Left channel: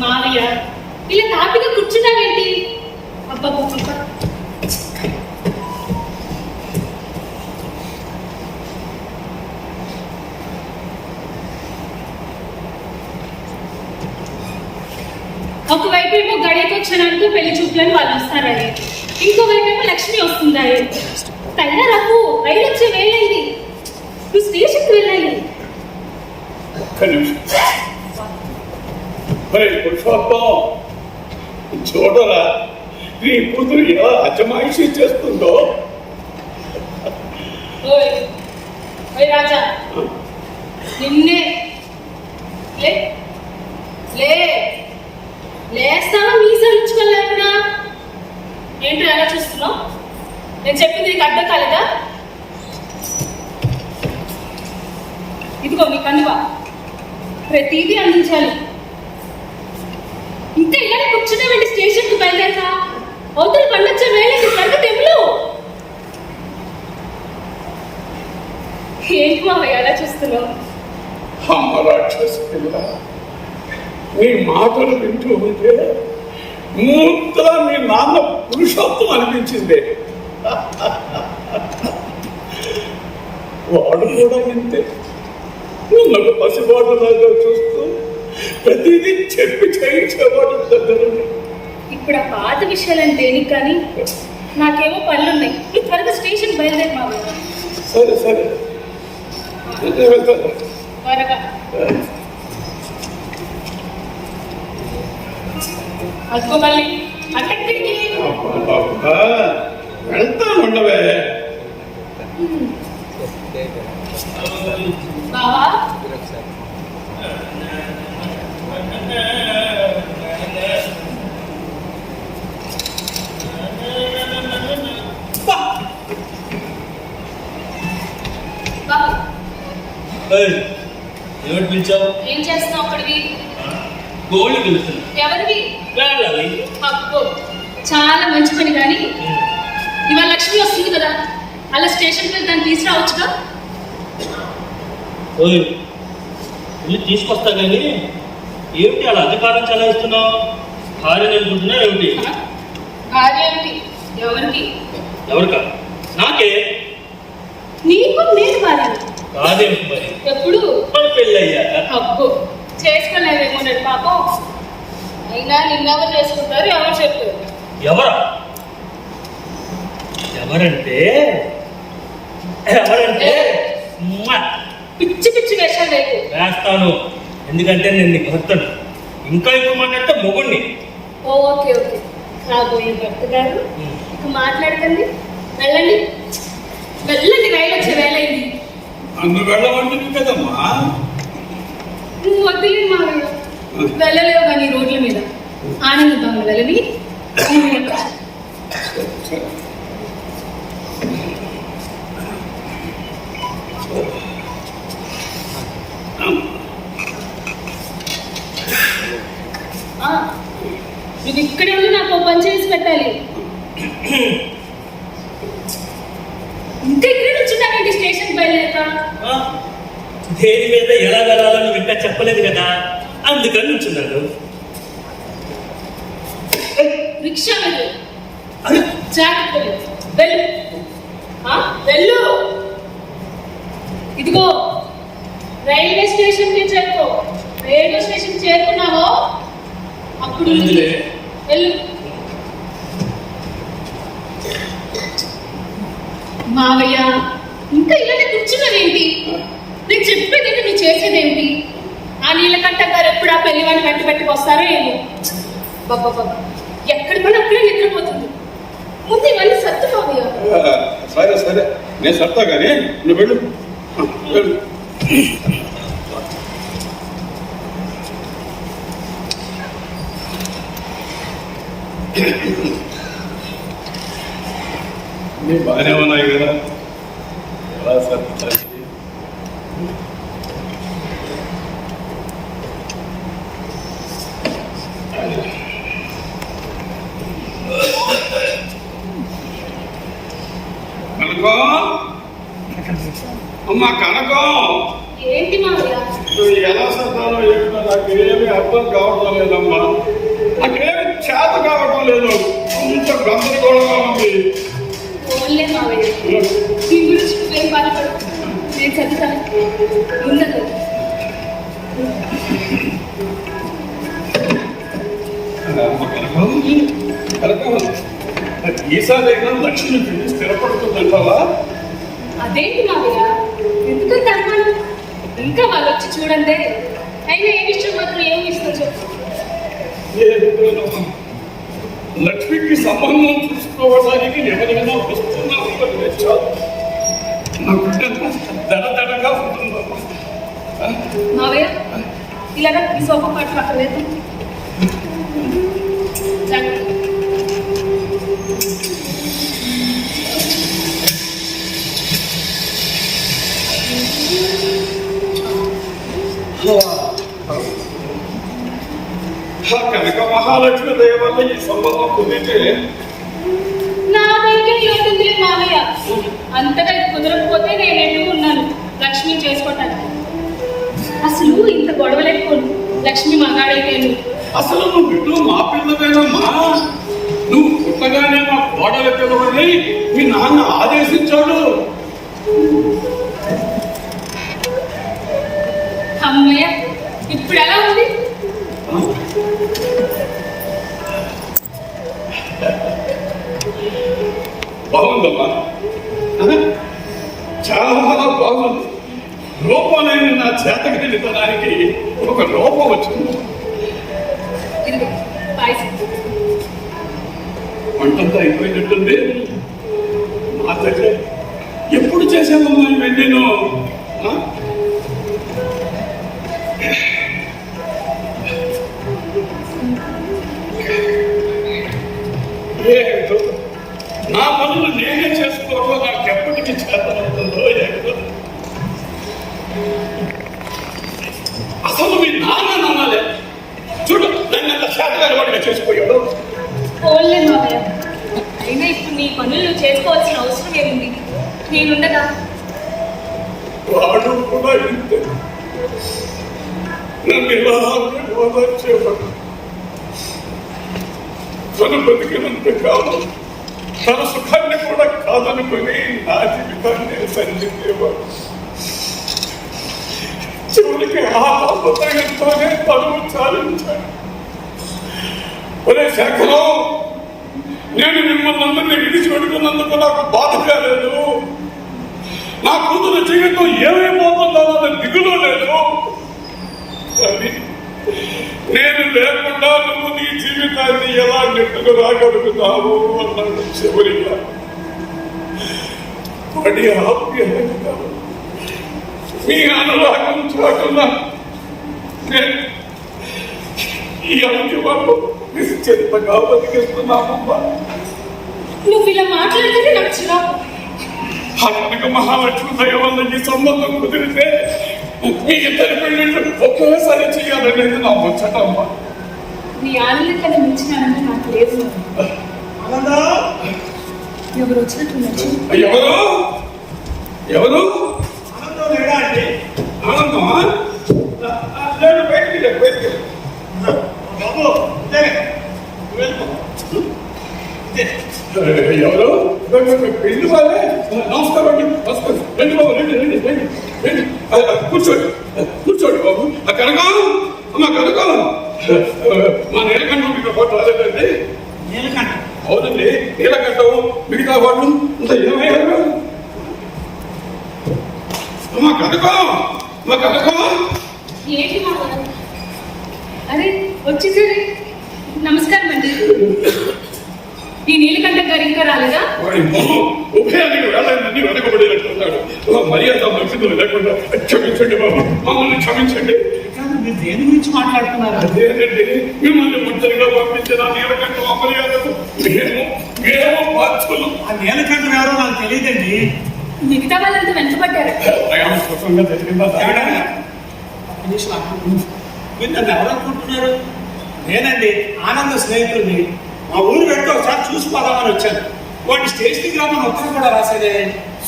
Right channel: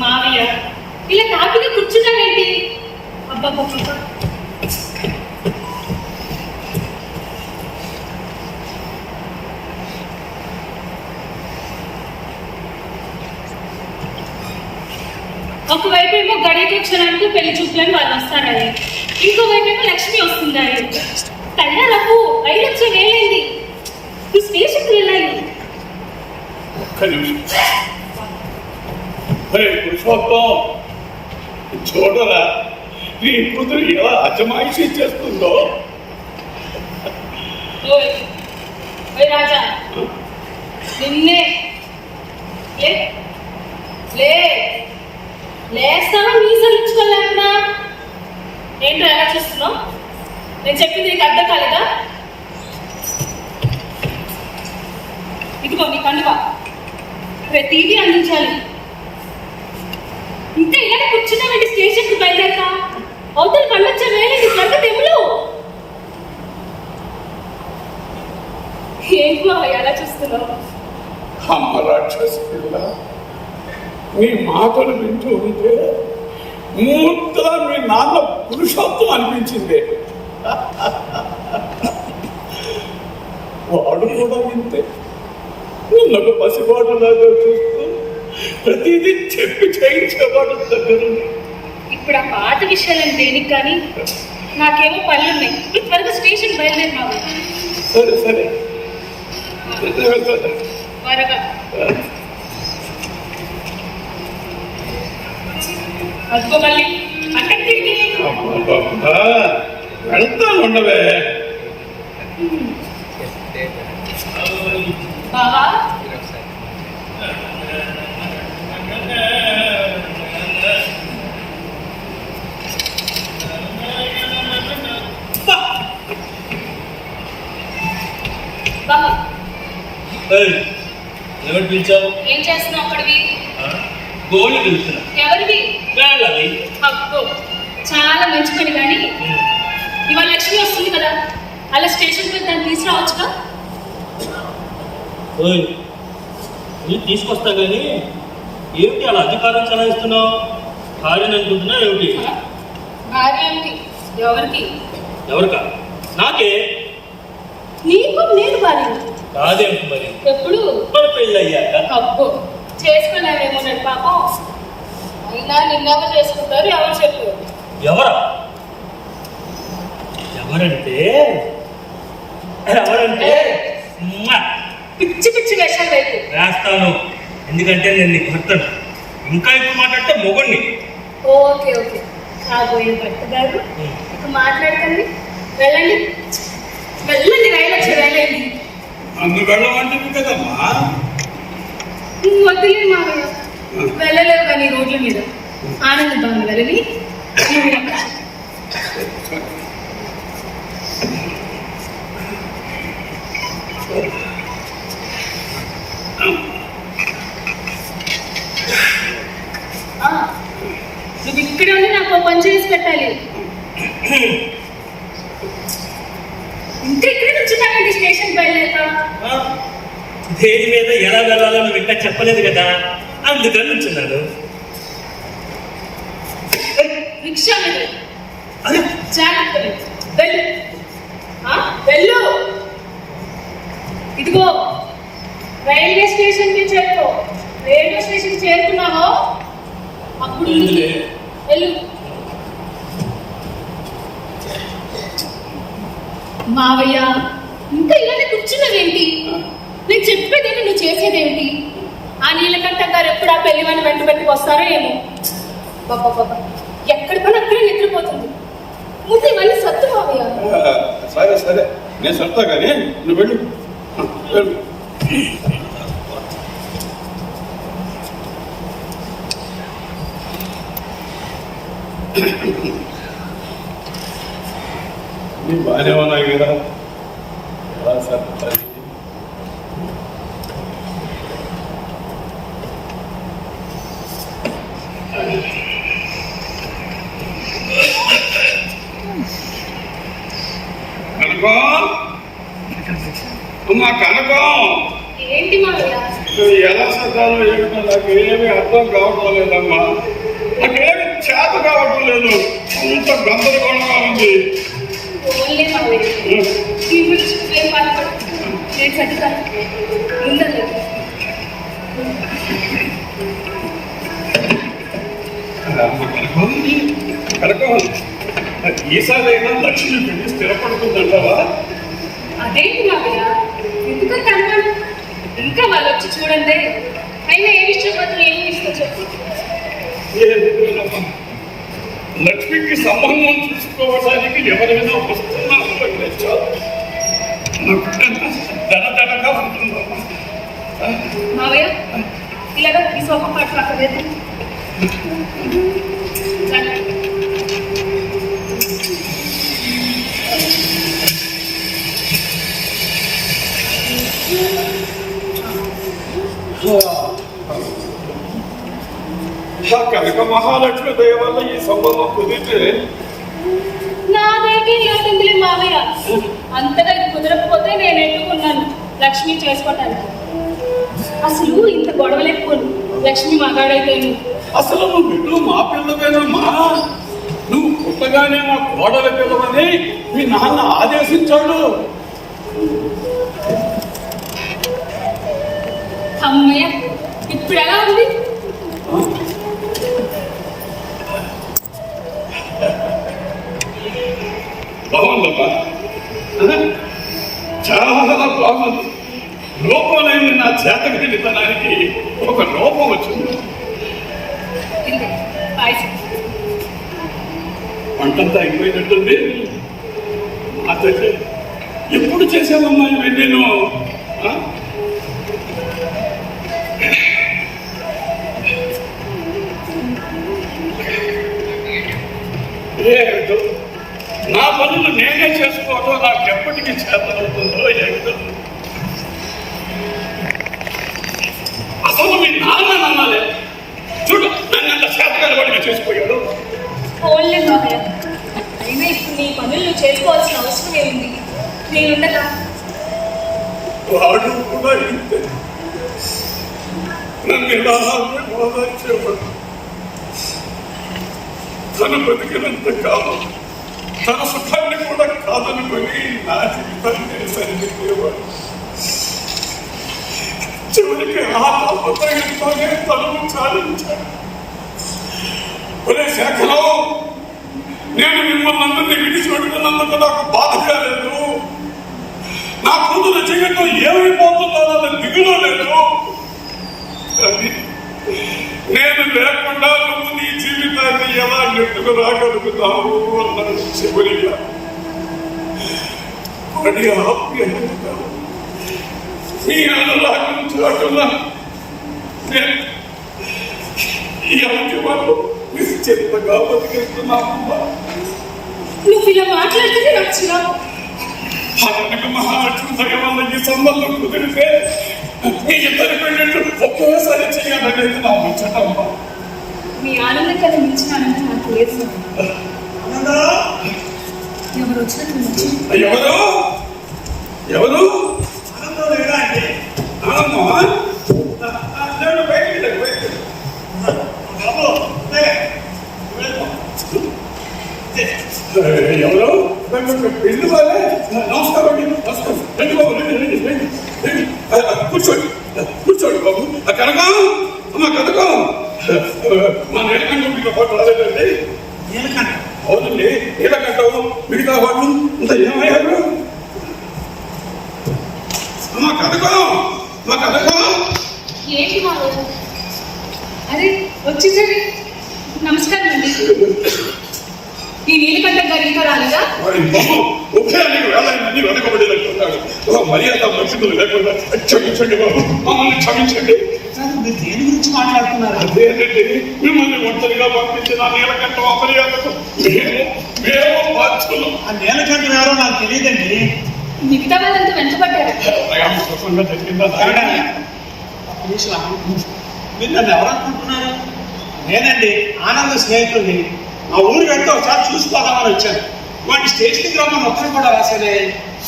మావయ్య ఇలా తాపిగా కూర్చున్నావేంటి? అబ్బాబ్బా, ఒకవైపు ఏమో గడియకు క్షణానికి పెళ్లి చూపులని వాళ్ళు వస్తారని, ఇంకోవైపు ఏమో లక్ష్మి వస్తుందని. తయారకు రైలు వచ్చే వేలైంది, ఈ స్టేషన్కి వెళ్ళాలి. మరి పురుషోత్తం చూడరా నీ కూతురు ఎలా అజమాయిషీ చేస్తుందో. రాజా నిన్నే లేస్తాను మీసాలు ఇచ్చుకోలేకుండా ఏంటో ఎలా చూస్తున్నావు? నేను చెప్పింది నీకు అర్థం కాలేదా? ఇదిగో నీ కండువా, ప్రతిదీ అందించాలి. ఇంకా ఇలా కూర్చున్నామండి, స్టేషన్కి బయలుదేరతా. అవతల పండొచ్చే వేళ త్వరగా తెములు. ఏంటి మావయ్య ఎలా చూస్తున్నావు? అమ్మ రాక్షసి పిల్ల, నీ మాటలు వింటూ ఉంటే ముద్దలా మీ నాన్న పురుషోత్తం అనిపించింది. వాడు కూడా ఇంతే, నిన్నొక పసిబాటులాగా చూస్తూ ప్రతిదీ చెప్పి చేయించేవాడు దగ్గర. ఇప్పుడు ఆ పాత విషయాలని దేనికి కానీ, నాకేమో పనులున్నాయి. నువ్వు త్వరగా స్టేషన్ బయలుదేరి మావయ్య. సరే సరే త్వరగా. అదిగో మళ్ళీ అక్కడికి వెళ్తాను ఉండవే. బావా ఎవరు పిలిచావు? ఏం చేస్తున్నావు అప్పటివి? గోళ్ళు పిలుస్తున్నా. ఎవరివి? వెళ్ళాలి. అబ్బో చాలా మంచి పని. కానీ ఇవాళ లక్ష్మి వస్తుంది కదా, అలా స్టేషన్కి వెళ్ళి దాన్ని తీసుకురావచ్చుగా. తీసుకొస్తా కానీ ఏమిటి అలా అధికారం చలాయిస్తున్నావు? భార్యను అనుకుంటున్నా ఏమిటి? భార్య ఏమిటి? ఎవరికి? ఎవరికా? నాకే. నీకు నేను భార్య కాదేమిటి మరి? ఎప్పుడు? మన పెళ్ళయ్యాక. అబ్బో చేసుకోలేదేమో నేను పాపం. అయినా నిన్నవ చేసుకుంటారు, ఎవరు చెప్పారు? ఎవరంటే పిచ్చి పిచ్చి వేషాలు రేపు వేస్తాను. ఎందుకంటే నేను నీకు భర్తను. ఇంకా ఇప్పుడు మాట్లాడితే మొగుడిని. ఓకే ఓకే, కాబోయే భర్త గారు ఇక మాట్లాడకండి. వెళ్ళండి వెళ్ళండి, రైలు వచ్చి వేలైంది. నన్ను వెళ్ళమంటుంది కదమ్మా. వద్దులే మావయ్య, వెళ్ళలేవు కానీ రోడ్ల మీద ఆనందం వెళ్ళని. నువ్వు ఇక్కడే ఉండి నాకు పని చేసి పెట్టాలి. ఇంకా ఇక్కడే నుంచున్నానండి, స్టేషన్ బయలుదేరుతా. దేని మీద ఎలా వెళ్ళాలో నువ్వు ఇంకా చెప్పలేదు కదా, అందుకని నుంచున్నాను. రిక్షా మీద జాగ్రత్త వెళ్ళు. వెళ్ళు. ఇదిగో రైల్వే స్టేషన్ కి చేరుకో. రైల్వే స్టేషన్ చేరుకున్నావో అప్పుడు వెళ్ళు. మావయ్య ఇంకా ఇలానే కూర్చున్నావేంటి? నేను చెప్పేదేంటి, నువ్వు చేసేదేంటి? ఆ నీలకంఠ గారు ఎప్పుడు ఆ పెళ్లి వాడిని వెంట పెట్టుకొస్తారో ఏమో. ఎక్కడి పని అక్కడే నిద్రపోతుంది. ముందు ఇవన్నీ సత్తు మావయ్య. సరే సరే నేను సత్తా కానీ నువ్వు వెళ్ళు వెళ్ళు. నీ బాగానే ఉన్నాయి కదా ఎలా సర్దుతాయి? కనకం, అమ్మా కనకం, ఏంటి మావయ్య? నువ్వు ఎలా సర్దాలో ఏమిటో నాకేమీ అర్థం కావడం లేదమ్మా. నాకేమి చేత కావడం లేదు. అంత గందరగోళంగా ఉంది. ఓన్లే మావయ్య, దీని గురించి ఏం బాధపడు, నేను చదువుతాను. ముందలేదు కనకం, ఈసారైనా లక్ష్మి పెళ్లి స్థిరపడుతుందంటావా? అదేంటి మావయ్య, ఎందుకంత అనుమానం? ఇంకా వాళ్ళు వచ్చి చూడండి. అయినా ఏ విషయం మాత్రం ఏమి ఇస్తా చెప్పు. ఏమిటోనమ్మా, లక్ష్మికి సంబంధం చూసుకోవడానికి ఎవరైనా వస్తున్నారు అంటే చాలు. నాకు దడదడగా ఉంటుందమ్మా. మావయ్య, ఇలాగా ఈ సోఫా కాట్లు అక్కడ లేదు. కనుక మహాలక్ష్మి దయ వల్ల ఈ సంబంధం కుదిరితే నా దగ్గర లేదులే మావయ్య. అంతగా ఇది కుదరకపోతే నేను ఎట్టుకున్నాను లక్ష్మి చేసుకోవటానికి. అసలు ఇంత గొడవలేకపోను లక్ష్మి మగాడైతేను. అసలు నువ్వు ఇల్లు మా పిల్లవేనమ్మా. నువ్వు పుట్టగానే మా కోడల పిల్లవని మీ నాన్న ఆదేశించాడు. అమ్మయ్య, ఇప్పుడు ఎలా ఉంది? బాగుందమ్మా, చాలా బాగుంది. లోపంలోని నా చేతగలిగితనానికి ఒక లోపం వచ్చింది. ఇదిగో పాయసం. వంటంతా అయిపోయినట్టుంది. మా తల్లి ఎప్పుడు చేశానమ్మా నేను? ఏమిటో నా పనులు నేనే చేసుకోవడం నాకు ఎప్పటికీ చేతనవుతుందో ఏమిటో. అసలు మీ నాన్న నమ్మాలే. చూడు, నన్ను అంత చేతగాని వాడిగా చేసిపోయాడు. ఓన్లే మావయ్య, అయినా ఇప్పుడు నీ పనులు నువ్వు చేసుకోవాల్సిన అవసరం ఏముంది? నేనుండగా. వాడు కూడా ఇంతే. నన్ను ఇలా ఓదార్చేవాడు. తను బతికినంత కాలం తన సుఖాన్ని కూడా కాదనుకొని నా జీవితాన్ని సరిదిద్దేవాడు. చివరికి ఆ తాపత్రయంతోనే తను చాలించాడు. ఒరే శేఖరం, నేను మిమ్మల్ని అందరినీ విడిచిపెట్టుకున్నందుకు నాకు బాధగా లేదు. నా కూతురు జీవితం ఏమైపోతుందో అన్న దిగులో లేదు. కానీ నేను లేకుండా నువ్వు నీ జీవితాన్ని ఎలా నెట్టుకు రాగలుగుతావు అన్నాడు చివరిగా. వాడి ఆప్యాయత, మీ అనురాగం చాటున ఈ అనుభవాలు నిశ్చితంగా బతికేస్తున్నామమ్మా. నువ్వు ఇలా మాట్లాడితే నాకు చిరాకు. కనుక మహాలక్ష్మి దయ వల్ల ఈ సంబంధం కుదిరితే మీ ఇద్దరి పెళ్ళిళ్ళు ఒకేసారి చేయాలనేది నా ముచ్చటమ్మా. నీ ఆనందం కన్నా మించిన ఆనందం నాకు లేదు. ఎవరు వచ్చినట్టు ఎవరు ఎవరు ఆనందమా? బయటికి బయటికి ఎవరు పెళ్లి వాళ్ళే. నమస్కారం అండి, నమస్కారం. రండి బాబు, రండి రండి రండి రండి. కూర్చోండి కూర్చోండి బాబు. కనకం, అమ్మ కనకం, మా నీలకంఠం ఫోటో రాలేదండి. అవునండి, నీలకంఠం మిగతా వాళ్ళు ఇంత ఏమయ్యారు? అమ్మ కనకం, మా కనకం. ఏంటి మావయ్య? అరే వచ్చేసరి నమస్కారం అండి. ఈ నీలకంఠం గారు ఇంకా రాలేదా? ఉభయానికి వేళ వెనకబడినట్టున్నాడు. మర్యాద మనుషులు లేకుండా క్షమించండి బాబు, మమ్మల్ని క్షమించండి. మీరు దేని గురించి మాట్లాడుతున్నారు? అదేనండి, మిమ్మల్ని ఒంటరిగా పంపించిన నీలకంఠ అమర్యాదకు మేము బాధ్యులు. ఆ నీలకంఠం ఎవరో నాకు తెలియదండి. మిగతా వాళ్ళంతా వెనుకబడ్డారు. ప్రయాణం సుఖంగా జరిగిందా? మీరు నన్ను ఎవరనుకుంటున్నారు? నేనండి ఆనంద స్నేహితుడిని. మా ఊరు వెళ్తే ఒకసారి చూసిపోదామని వచ్చాను. వాటి స్టేషన్కి రమ్మని ఉత్తరం కూడా రాసేదే.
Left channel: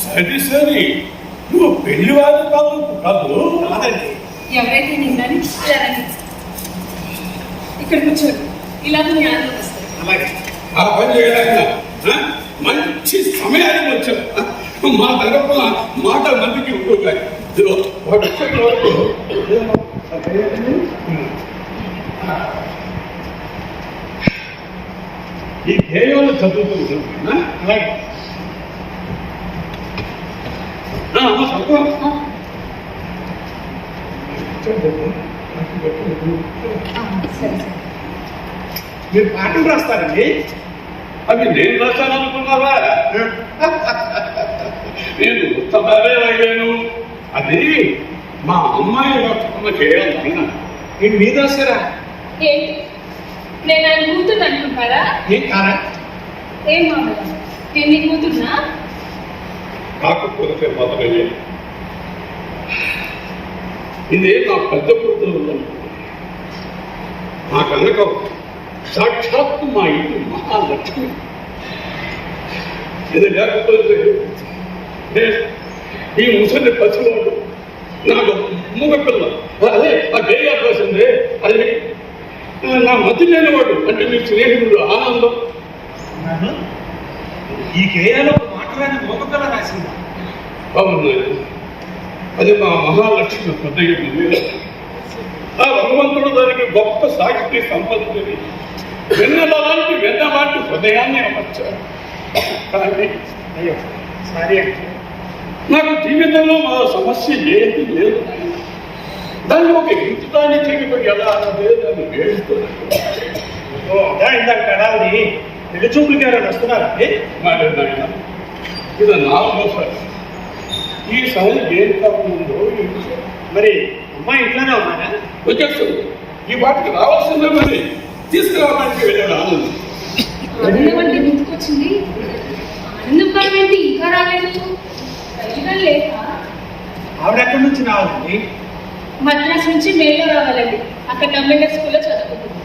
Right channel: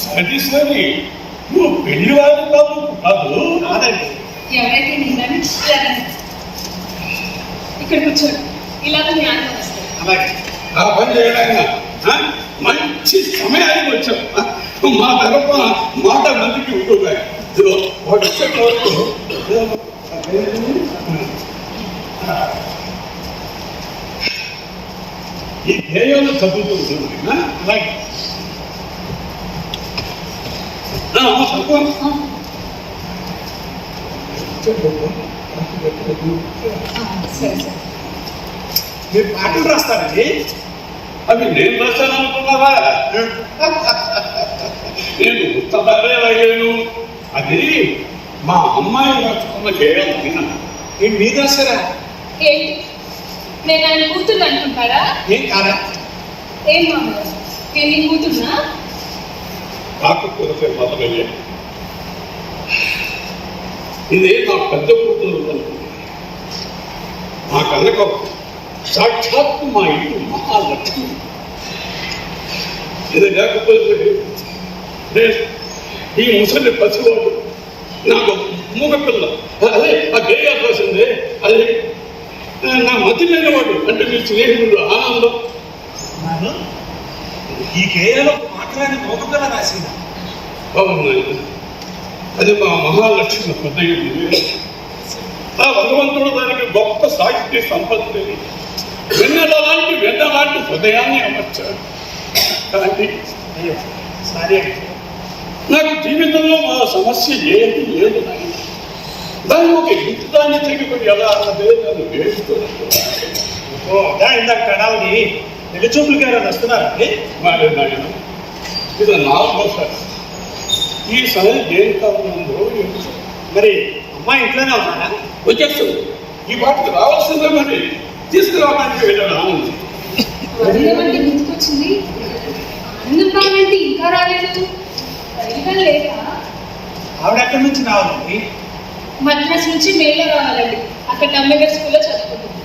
సరే సరే, నువ్వు పెళ్లి వారు కాదు. కాదండి. ఎవరైతే నేను కానీ ఇలా రండి. ఇక్కడ కూర్చోండి. ఇలా మీ ఆనందం వస్తుంది. అలాగే ఆ పని చేయడానికి మంచి సమయానికి వచ్చావు. మా తరఫున మాట మందికి ఉంటుంది. వాడు వచ్చేట వరకు ఈ గేయాలు చదువుతుంది. అలాగే సరే సరే. మీరు పాటలు రాస్తారండి? అవి నేను రాశాను అనుకున్నావా? నేను ఉత్తరాలే రాయలేను. అది మా అమ్మాయి రాసుకున్న గేయాలైనా. ఏంటి మీరు రాస్తారా? ఏంటి నేను ఆయన కూతురు అనుకుంటారా? ఏం కాదా? ఏం మామూలు నేను నీ కూతురునా? కాకపోతే మొదలయ్యే ఇదే నా పెద్ద కూతురు. మా కనుక సాక్షాత్తు మా ఇంటి మహాలక్ష్మి. ఇది లేకపోతే ఈ ముసలి పసివాడు నాకు మూగ పిల్ల. అదే ఆ గేయాలు రాసిందే, అదే నా మతి లేనివాడు. అంటే మీ స్నేహితుడు ఆనందం. ఈ గేయాలో మాట్లాడిన మోగపిల్ల రాసింది. బాగున్నాయి. అది మా మహాలక్ష్మి హృదయం. ఆ భగవంతుడు దానికి గొప్ప సాహిత్య సంపత్తిని వెన్నెలాంటి హృదయాన్ని అమర్చాడు. కానీ అయ్యో సారీ అండి. నాకు జీవితంలో మా సమస్య ఏది లేదు నాయన. దాన్ని ఒక ఇంటిదాన్ని తెగిపోయి ఎలా అన్నదే నన్ను వేడుతున్నాను. ఓ అదా ఇందాక కడాలని పెళ్లి చూపులకి ఎవరైనా వస్తున్నారండి? మరి నాయన, ఇది నాలుగోసారి. ఈసారి ఏం కారణంలో ఏంటో మరి అమ్మాయి ఇంట్లోనే ఉన్నారా? వచ్చేస్తుంది. ఈ వాటికి రావాల్సిందే. మరి తీసుకురావడానికి వెళ్ళాడు ఆనందం. ఆనందం అంటే గుర్తుకొచ్చింది. ఆనందం అంటే ఇంకా రాలేదు. రైలుగా లేదా? ఆవిడ ఎక్కడి నుంచి రావాలండి? మద్రాసు నుంచి మేలో రావాలండి. అక్కడ అంబేద్కర్ స్కూల్లో చదువుకుంటుంది.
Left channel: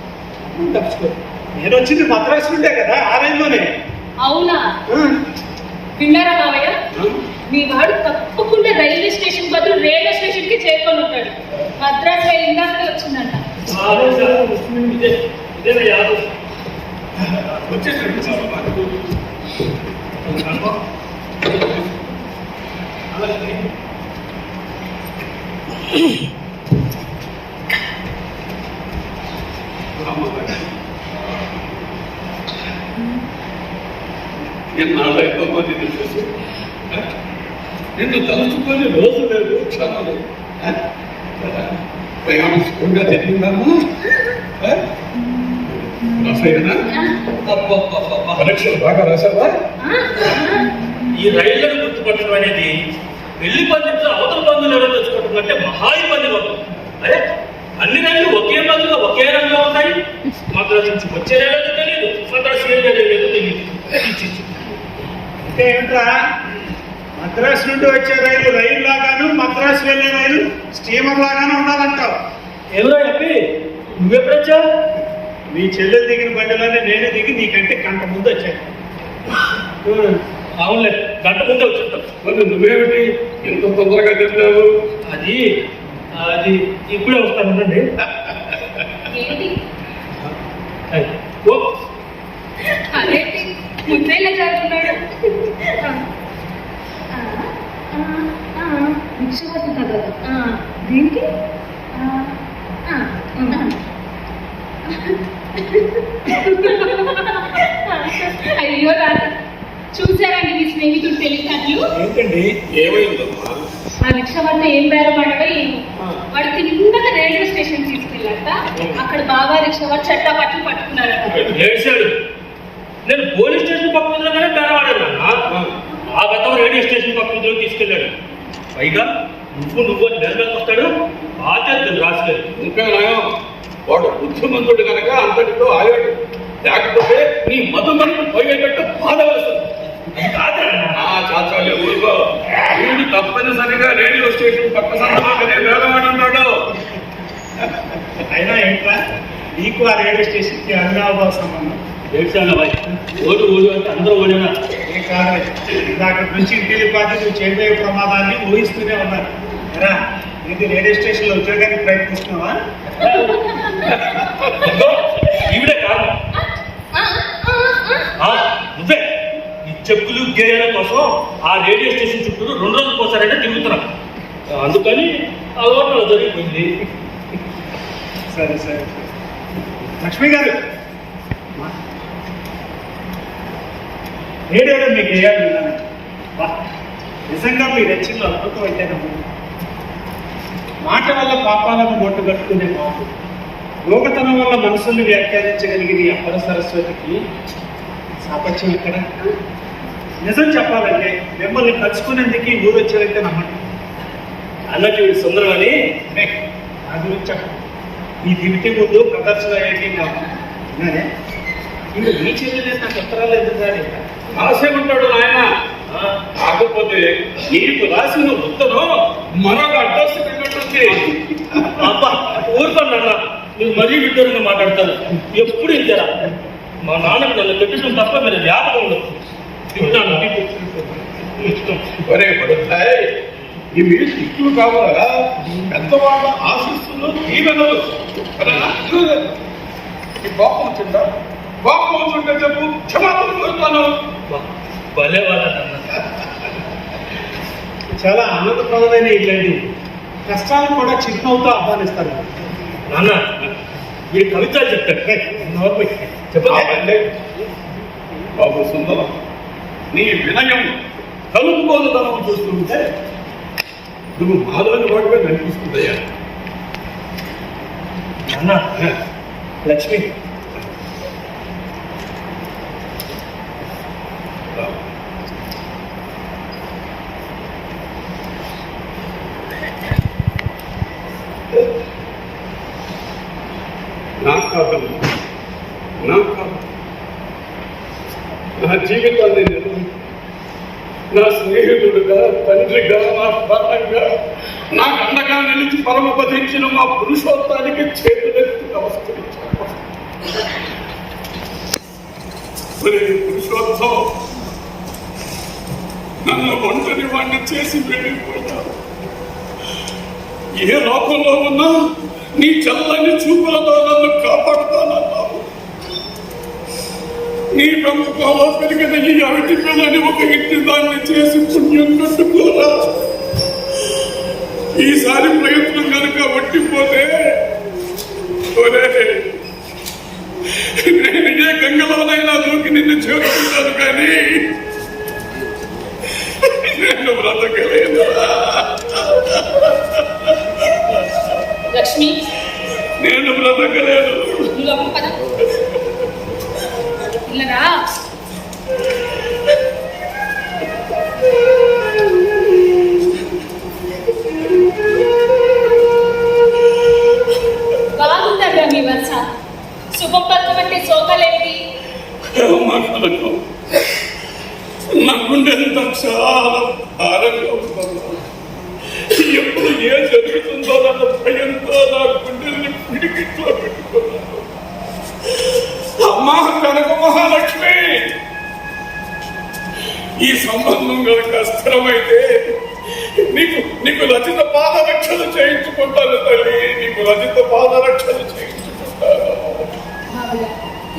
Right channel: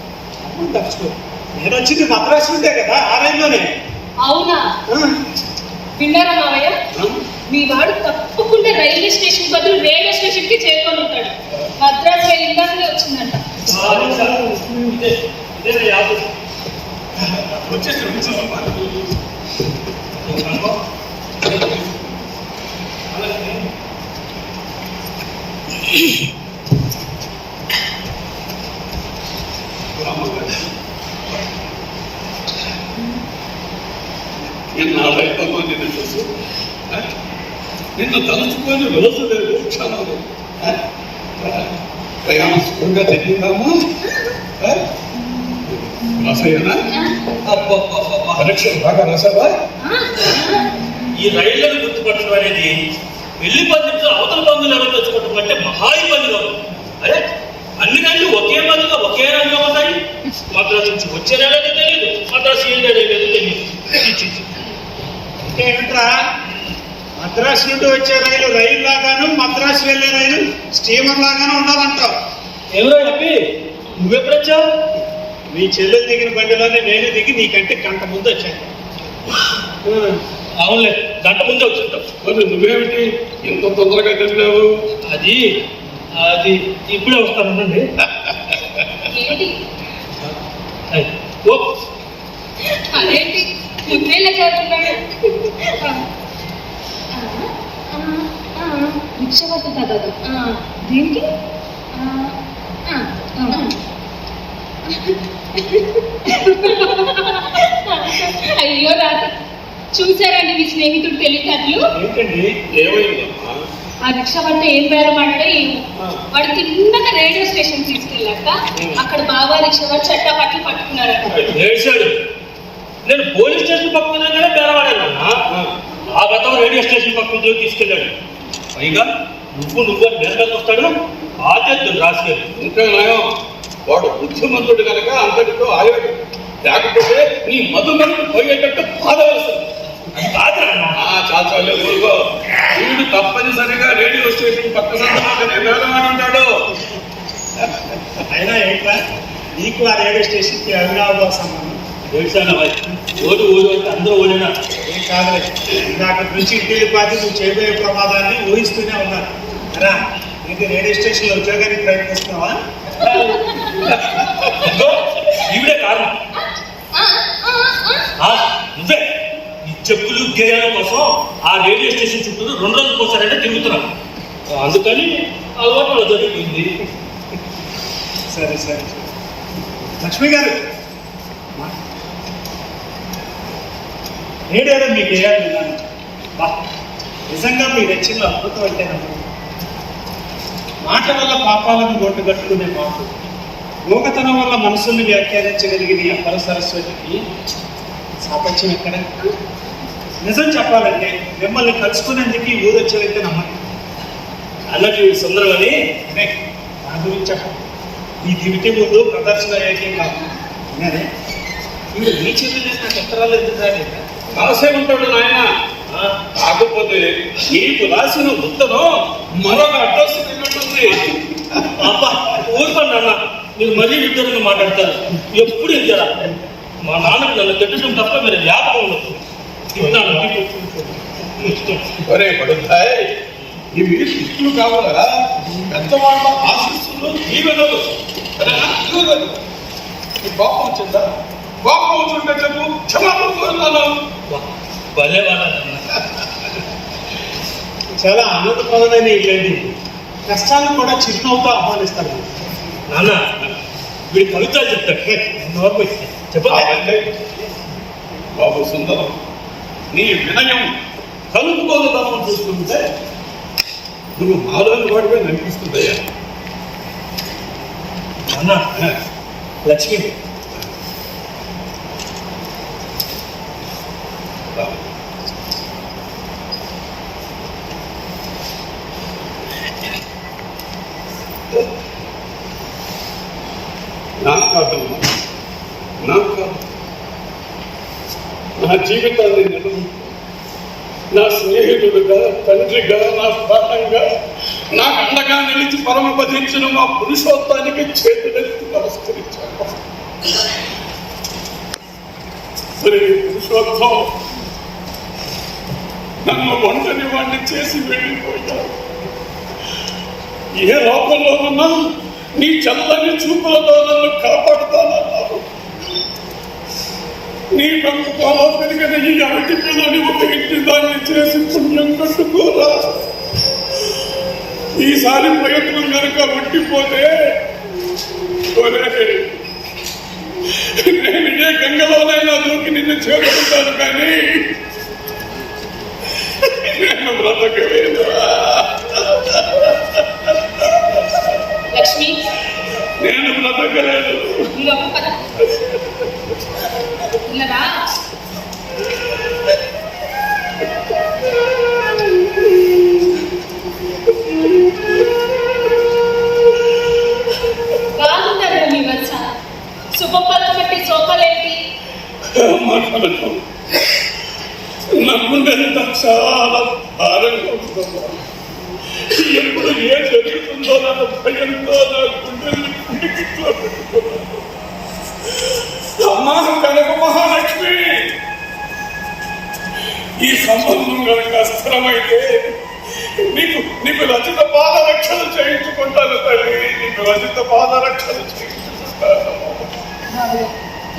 తప్పుకో. నేను వచ్చింది మద్రాసు నుండే కదా, ఆ రైల్లోనే. అవునా? విన్నారా మావయ్య? మీ వాడు తప్పకుండా రైల్వే స్టేషన్ బదులు రేడియో స్టేషన్ కి చేరుకొని ఉంటాడు. మద్రాసు రైలు ఇందాకనే వచ్చిందంట. ఎన్నాళ్ళైతే నిన్ను చూసి నిన్ను తలుచుకొని రోజు లేదు, క్షణం లేదు. ప్రయాణం సుఖంగా జరిగిందమ్మా. రాసాయినా? పరీక్షలు బాగా రాసావా? ఈ రైళ్లను గుర్తుపట్టడం అనేది పెళ్లి పందిట్లో అవతల బంధువులు ఎవరో తెచ్చుకోవడం కంటే మహా ఇబ్బందిగా ఉంది. అరే అన్ని రైళ్లు ఒకే బంధుగా ఒకే రంగా ఉంటాయి. మద్రాసు నుంచి వచ్చే రైలు తెలియదు, మద్రాసు ఏం తెలియదు తెలియదు. అంటే ఏంట్రా, మద్రాసు నుండి వచ్చే రైలు రైలు లాగాను, మద్రాసు వెళ్ళే రైలు స్టీమర్ లాగానే ఉండాలంటావు. ఎవరో చెప్పి నువ్వెప్పుడొచ్చావు? మీ చెల్లెలు దిగిన బండిలోనే నేనే దిగి నీకంటే గంట ముందు వచ్చాను. అవునులే, గంట ముందే వచ్చుంటావు. మరి నువ్వేమిటి ఎంత తొందరగా తెలియవు? అది అది ఇప్పుడే వస్తానండి. ఏంటి ఓ అదేంటి ముప్పైలో చదువుతున్నాడు? రిక్ష పట్టుతా కదా. దేనికి? అయ్యో రాత, చూసారండి మీ స్నేహితుడు తెలియకట్లు? ఏంటండి? ఏమైందమ్మా? ఆ రిక్ష పట్ట ఏం బెల్లపడ్డో ఏమో. వాడు తిన్నగా రైల్వే స్టేషన్ తీసుకెళ్ళాక అక్కడ బాబా రిక్ష వాడు చట్టా పట్లు పట్టుకున్నారట. ఏడ్చాడు. నేను పోలీస్ స్టేషన్ పక్కనే బేరవాడాను. ఆ బతం రేడియో స్టేషన్ పక్కన తీసుకెళ్ళాడు. పైగా నువ్వు నిలబెట్టి వస్తాడు ఆచరితం రాసుకెళ్ళి. ఇంకా నయం, వాడు బుద్ధిమంతుడు కనుక అంతటితో ఆగాడు. లేకపోతే నీ మధుమను పోయేటట్టు బాధవలసింది. చాచాలు ఊరుకో. వీడు తప్పనిసరిగా రేడియో స్టేషన్ పక్క సందర్భంగానే వేగమానంటాడు. అయినా ఏంట్రా నీకు ఆ రేడియో స్టేషన్కి అవినాభావ సంబంధం? ఏడ్చాను ఓటు అంటే అందరూ ఓడినా ఏం కాదు, ఇందాక నుంచి ఇంటికి పాతి నువ్వు చేయబోయే ప్రమాదాన్ని ఊహిస్తూనే ఉన్నారు కదా. ఏంటి రేడియో స్టేషన్లో ఉద్యోగానికి ప్రయత్నిస్తున్నావా? ఈవిడే కారణం. నువ్వే ఈ చెప్పులు గేయాల కోసం ఆ రేడియో స్టేషన్ చుట్టూ 2 రోజులకు ఒకసారంటే తిరుగుతున్నాం. అందుకని అలవాటు జరిగింది. సరే సరే లక్ష్మి గారు, రేడియోలో మీకు వేయాలి విన్నాను. నిజంగా మీ రచనలో అద్భుతం అయితే మాట వల్ల పాపాలను మూట కట్టుకునే మాట, లోకతనం వల్ల మనసుల్ని వ్యాఖ్యానించగలిగిన ఈ అపర సరస్వతికి సాపత్యం ఎక్కడ? నిజం చెప్పాలంటే మిమ్మల్ని కలుసుకునేందుకు ఈ ఊరు వచ్చేదైతే నమ్మండి. అన్నట్టు సుందరం అని నా గురించి చెప్పండి. ఈ దివిటి ముందు ప్రదర్శన ఏం కాదు విన్నారే. మీరు మీ చెల్లి నాకు ఉత్తరాలు ఎందుకు రాలేదు? రాసే ఉంటాడు నాయన. కాకపోతే నీకు రాసిన ఉత్తరం మరొక అడ్రస్ వెళ్ళినట్టుంది. అబ్బా ఊరుకోండి అన్న, మీరు మరీ విడ్డూరంగా మాట్లాడతారు. ఎప్పుడు ఇంతేరా? మా నాన్నకు నన్ను తిట్టడం తప్ప మీరు జ్ఞాపకం ఉండదు. ఒరే పడుతాయి, ఇవి శిస్తులు కావాలా? పెద్దవాళ్ళ ఆశిస్తులు దీవెనలు. కోపం వచ్చిందా? కోపం వచ్చుంటే చెప్పు, క్షమాపణ కోరుతాను. భలే వాళ్ళన్న. చాలా ఆనందప్రదమైన ఇల్లండి. కష్టాలను కూడా చిరునవ్వుతో ఆహ్వానిస్తారు. నాన్న వీడి కవితలు చెప్తాడు. చెప్పండి బాబు సుందరం, నీ వినయం కలుపుకోదనం చూస్తుంటే నువ్వు మాలోని వాడిగా అనిపిస్తుందయ్యా. అన్న లక్ష్మి నాకు కాదమ్మా, నాకు కాదు. నా జీవితాన్ని నేను నా స్నేహితుడుగా, తండ్రిగా, నా ప్రాణంగా, నాకు అండగా నిలిచి పరమపదించిన మా పురుషోత్తానికి చేతులెత్తి నమస్కరించాను. మరి పురుషోత్తం నన్ను ఒంటరి వాడిని చేసి వెళ్ళిపోయావు. ఏ లోకంలో ఉన్నా నీ చల్లని చూపులతో నన్ను కాపాడుతానన్నావు. నీ పెంపకంలో పెరిగిన ఈ అరటి పిల్లని ఒక ఇంటి దాన్ని చేసి పుణ్యం కట్టుకోరా. ఈసారి ప్రయత్నం కనుక వట్టిపోతే నేను ఏ గంగలోనైనా దూకి నిన్ను చేరుకుంటాను, కానీ నేను బ్రతకలేదు. లక్ష్మి నేను బ్రతకలేదు. ఇల్లరా బాగుందరా మీ వరుస. శుభం పక్కబట్టి సోకలేంటి? మాట్లాడటం నా గుండెంత చాలా భారంగా ఉందమ్మా. ఎప్పుడు ఏం జరుగుతుందో నన్న భయంతో నా గుండెల్ని పిడికిట్లో పెట్టుకున్నాను. అమ్మా కనక మహాలక్ష్మి, ఈ సంబంధం కనుక స్థిరమైతే నీకు రచిత పాదరక్షణ చేయించుకుంటాను తల్లి. నీకు రచిత పాదరక్షణ చేయించుకుంటాను.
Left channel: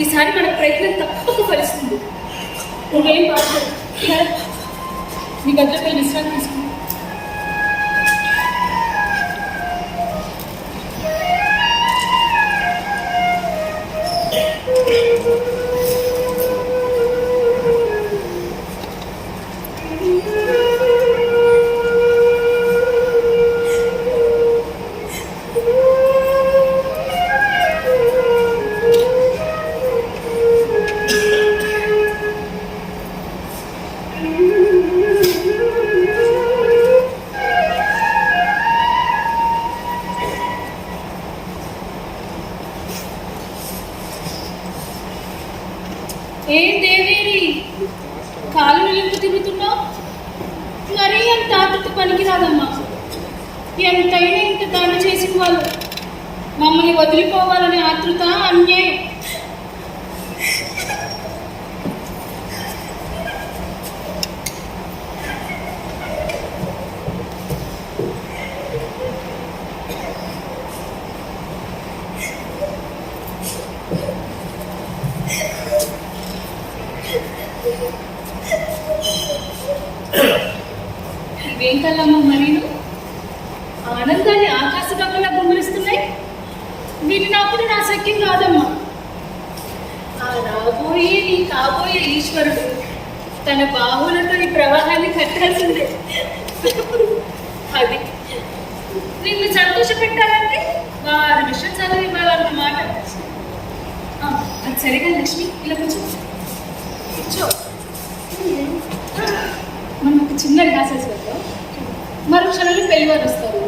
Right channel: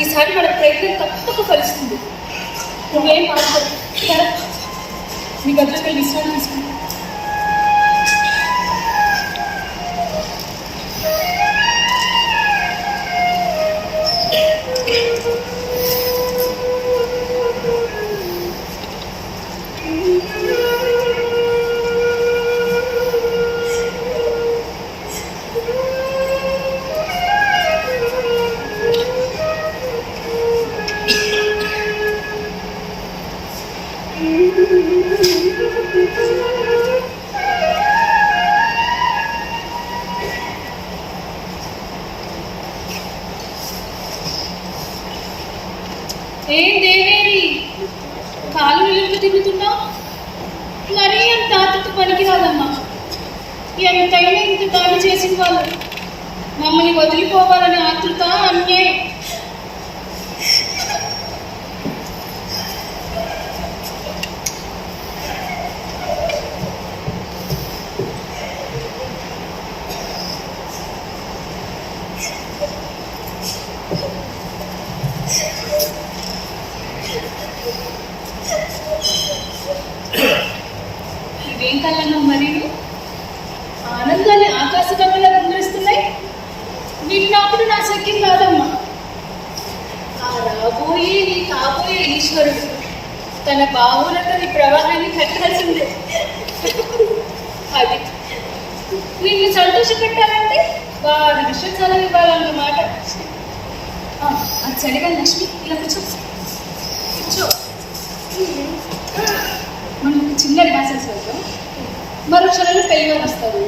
ఈసారి మన ప్రయత్నం తప్పక ఫలిస్తుంది. నువ్వేం బాధపడు. నీ గదిలోకి విశ్రాంతి తీసుకుంటా. ఏం దేవేరి కాలు నిలుపు తిరుగుతున్నావు? మరీ అంత ఆతృత పనికిరాదమ్మా. ఎంతైనా ఇంత దాడి చేసిన వాళ్ళు మమ్మల్ని వదిలిపోవాలనే ఆతృత అన్యాయం. ఇవేం కళ్ళమ్మ మరీను ఆనందాన్ని ఆకాశగంగలా గుమ్మరిస్తున్నాయి. వీటిని అప్పుడు నా శక్యం కాదమ్మా. ఆ రాబోయే నీ కాబోయే ఈశ్వరుడు తన బాహులతో నీ ప్రవాహాన్ని కట్టాల్సిందే. అది నిన్ను సంతోష పెట్టాలంటే వారి విషయం చల్లవి ఇవ్వాలన్నమాట. అది సరిగా లక్ష్మి, ఇలా కూర్చో కూర్చో. మనం ఒక చిన్న రిహార్సల్స్ వెళ్తాం. మరో క్షణంలో పెళ్లి వారు వస్తారు.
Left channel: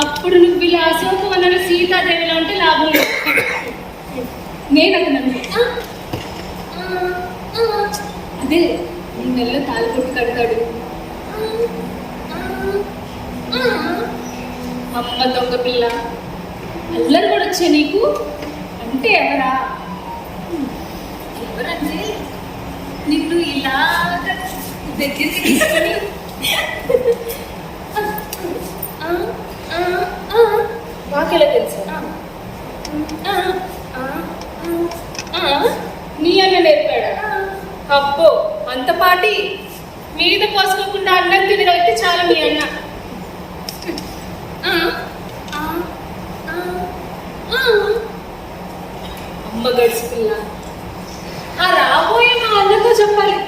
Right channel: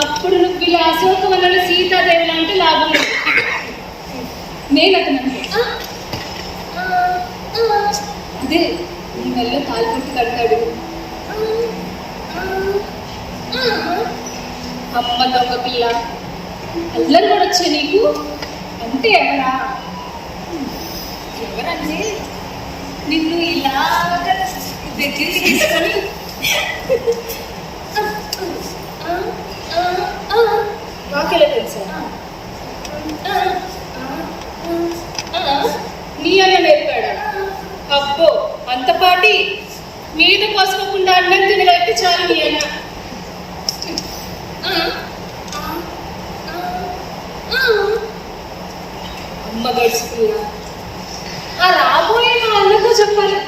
అప్పుడు నువ్వు ఇలా అశోకవనంలో సీతాదేవిలా అంటే లాభం లేదు. నేను అతను అదే నీ మెల్లో తాలి కొట్టి కడతాడు. అమ్మ దొంగ పిల్ల అల్లరి కూడా వచ్చే నీకు అంటే ఎవరంటే నిన్ను ఇలాగ దగ్గరికి తీసుకొని నాకెలా తెలుసా? నీ అన్న నేర్పాడా? అబ్బో అంత పాటి మీద పోసుకోకుండా అన్నం తినగలిగితే చాలు మీ అన్న. అమ్మ గడిచిపిల్ల ఆ రాబోయే మా అన్నతో చెప్పాలి.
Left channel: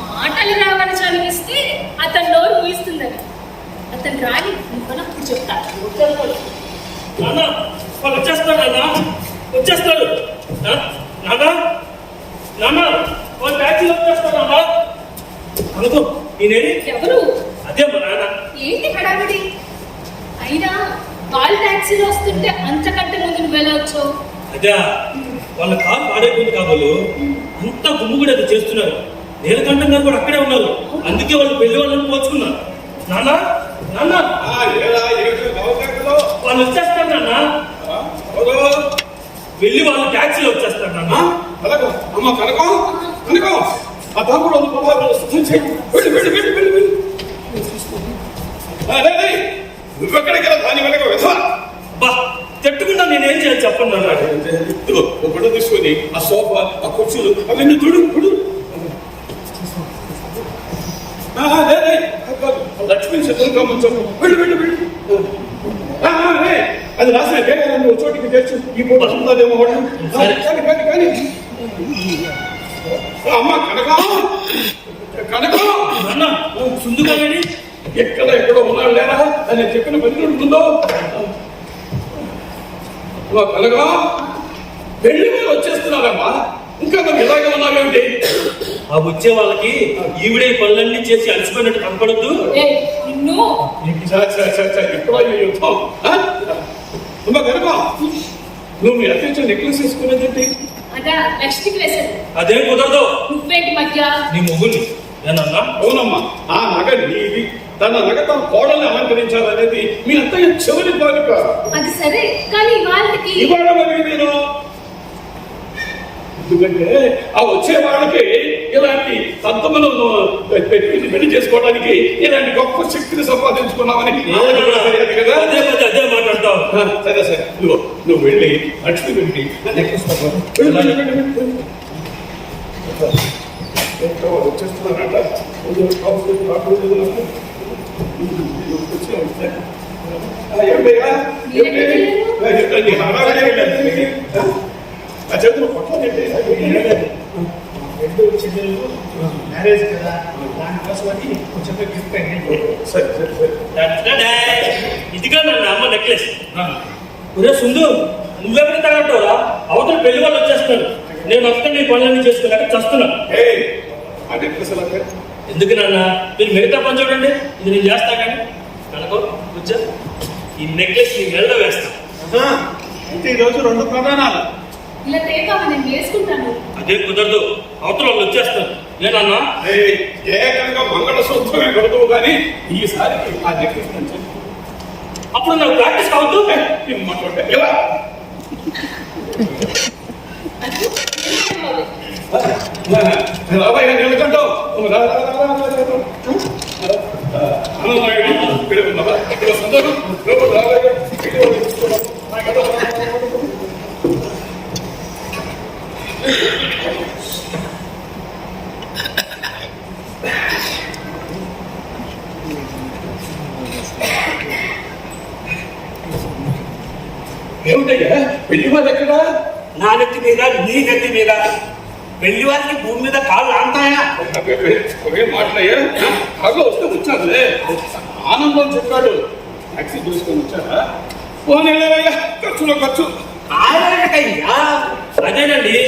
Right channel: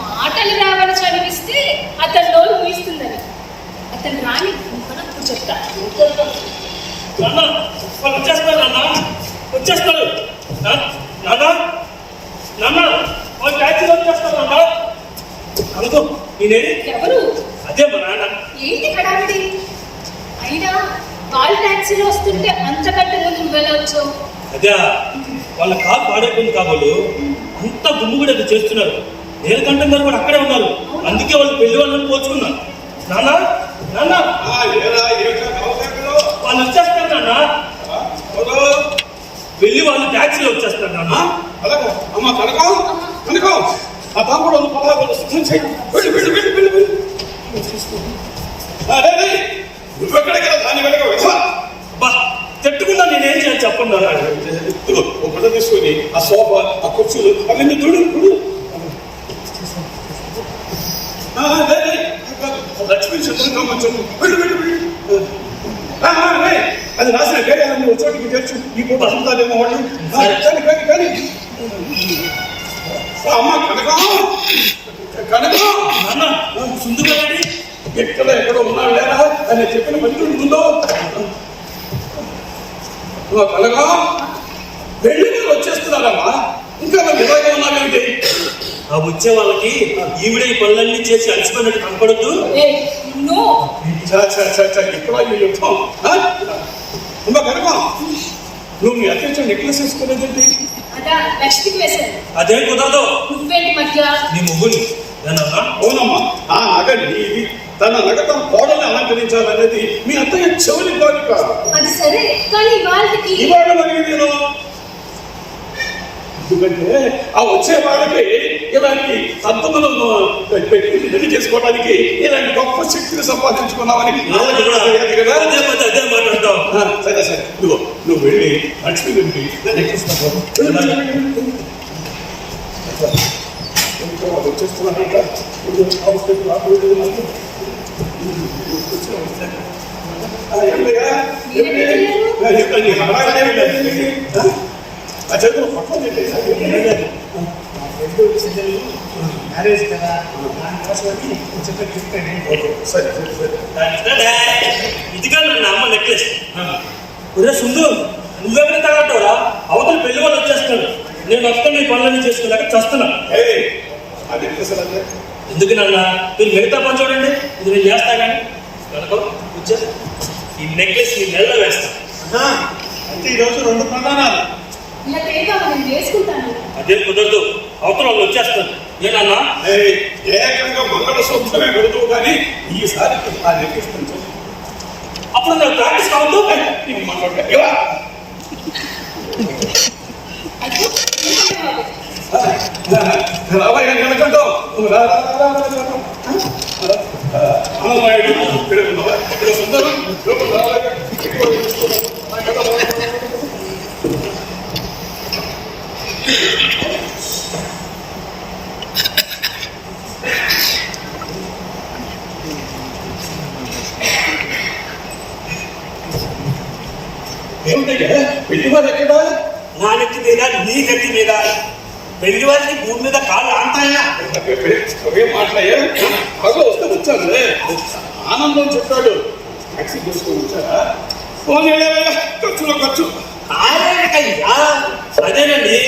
మాటలు రావని చదివిస్తే అతను నోరు ఊహిస్తుందని. అతను రాని అప్పుడు చెప్తా. వాళ్ళు వచ్చేస్తారు నాన్న, వచ్చేస్తారు నాన్న, నాన్న వాళ్ళు ట్యాక్సీలో వచ్చేస్తారు నాన్న. అనుకో నేనేది ఎవరు? అదే మా నాన్న. ఏంటి హడావిడి? అయినా వాళ్ళు ట్యాక్సీలో వస్తుంటే అంతకంటే ముందు నువ్వెలా వచ్చావు? అదే వాళ్ళ కారు పాడైపోయింది కాబోలు అంతా గుమ్ము కూడా అది చేస్తున్నారు. నీలకంఠం గారు కూడా అక్కడే ఉన్నారు. అందుకే వాళ్ళు పెళ్లి వాళ్ళని పోల్చుకున్నారు. నాన్న నాన్న వాళ్ళు వచ్చేస్తారు నాన్న. వెళ్ళి వాళ్ళు ట్యాక్సీలో వచ్చేస్తారు నాన్న. అమ్మ కనకం కనకం ఆ తాముడు నువ్వెక్కడికి దాని వెనక వెధవా బా తట్టుకున్నా నేనేం చేయాలి చెప్పండి నాన్న. ఒక గుడ్డ తీసుకొని ఆ సోఫా ఆ కుర్చీలు అవన్నీ తుడు లక్ష్మీ శత్రువు అది రాసిన గేయాలని ఒక చోటికి తెచ్చు ఈ పూట అంతాదేమో వాళ్ళు కానీ అమ్మ కనకం కనకం నాన్న సుందుగాడి ఎక్కడో ఉన్నాడు లేరా అని చెప్పిన పని ఉందో కలగా పెళ్లి వాళ్ళు వచ్చేస్తున్నారమ్మా. ఇంకా నువ్వు ఇలాగే ఉన్నావేమిటి? ఆ వచ్చే వాళ్ళకి ఈవిడే పనులన్నీ చేసి అలసిపోయినట్టు కనపడద్దు. ఇక్కడ యుద్ధం అమ్మ కనుక నువ్వు మీ అత్యంత నెక్లెస్ వేసుకునేదేంటి? అదా లక్ష్మికి వేశాను. అదేం కుదరదు. నువ్వేంటి మధ్య నీ మొగుని ఏనన్నా? అవునమ్మా ఆ నగ నీది. తన నగ తన కోడల్ని అలంకరించాలనేది మీ అత్తయ్య చెవుని కోరిక. అది సరే కానీ ఇవాళ మరి నేను ఎందుకంటే ఆ వచ్చే వాళ్ళకి ఇలాంటి సంతములు పెళ్లి చేసుకోవడానికి ఇలాంటి గొప్ప శక్తిని సంపాదించుకున్నామని అదే మాట్లాడతావు. సరే నువ్వు వెళ్ళి లక్ష్మి వెళ్ళి వచ్చేస్తున్నానంట. ఆ చేతులు పక్కన మ్యారేజ్ కదా దానికోసం కొంచెం గిఫ్ట్ సరే ఇదిగా నన్ను అమ్మ నెక్లెస్. ఒరే సుందు నువ్వెక్కడ తగలటావురా? అవతల పెళ్లి వాళ్ళు వచ్చేస్తున్నారు. నేను వస్తాను నీ పనులన్నీ చేసుకున్నాక చస్తున్నాను. ఆ నెక్లెస్ అంటే ఎందుకు నాన్న? మీరు మిగతా పని చూడండి, ఇది నేను చేస్తా. కానీ కనుకో కూర్చో, ఈ నెక్లెస్ నీ మెల్ల వేస్తా. అయితే ఈరోజు 2 ప్రమాణాలు. ఇలా ఏ బాబా నేను వేసుకుంటాను. అదే కుదరదు, అవతల వాళ్ళు వచ్చేస్తారు. ఏనన్నా ఏకంగా మంగళసూత్రమే కొడుతువు కానీ ఈసారి ఆ నెక్కిస్తాను. అప్పుడు నాకు ప్రాక్టీస్ కావద్దు. రాబోయే నిలకంటావు ఏమిటయ్యా పెళ్లి వాళ్ళు ఎక్కడా? నా నెత్తి మీద నీ నెత్తి మీద పెళ్లి వారికి భూమి మీద కాళ్ళు ఆంటాయా? మాట్లాడయ్యా కారులో వస్తే వచ్చారులే. ఆనందం చెప్పాడు టాక్సీ తీసుకొని వచ్చారా? ఫోన్ ఖర్చులో ఖర్చు కాలేకయ్యా. అదేనండి,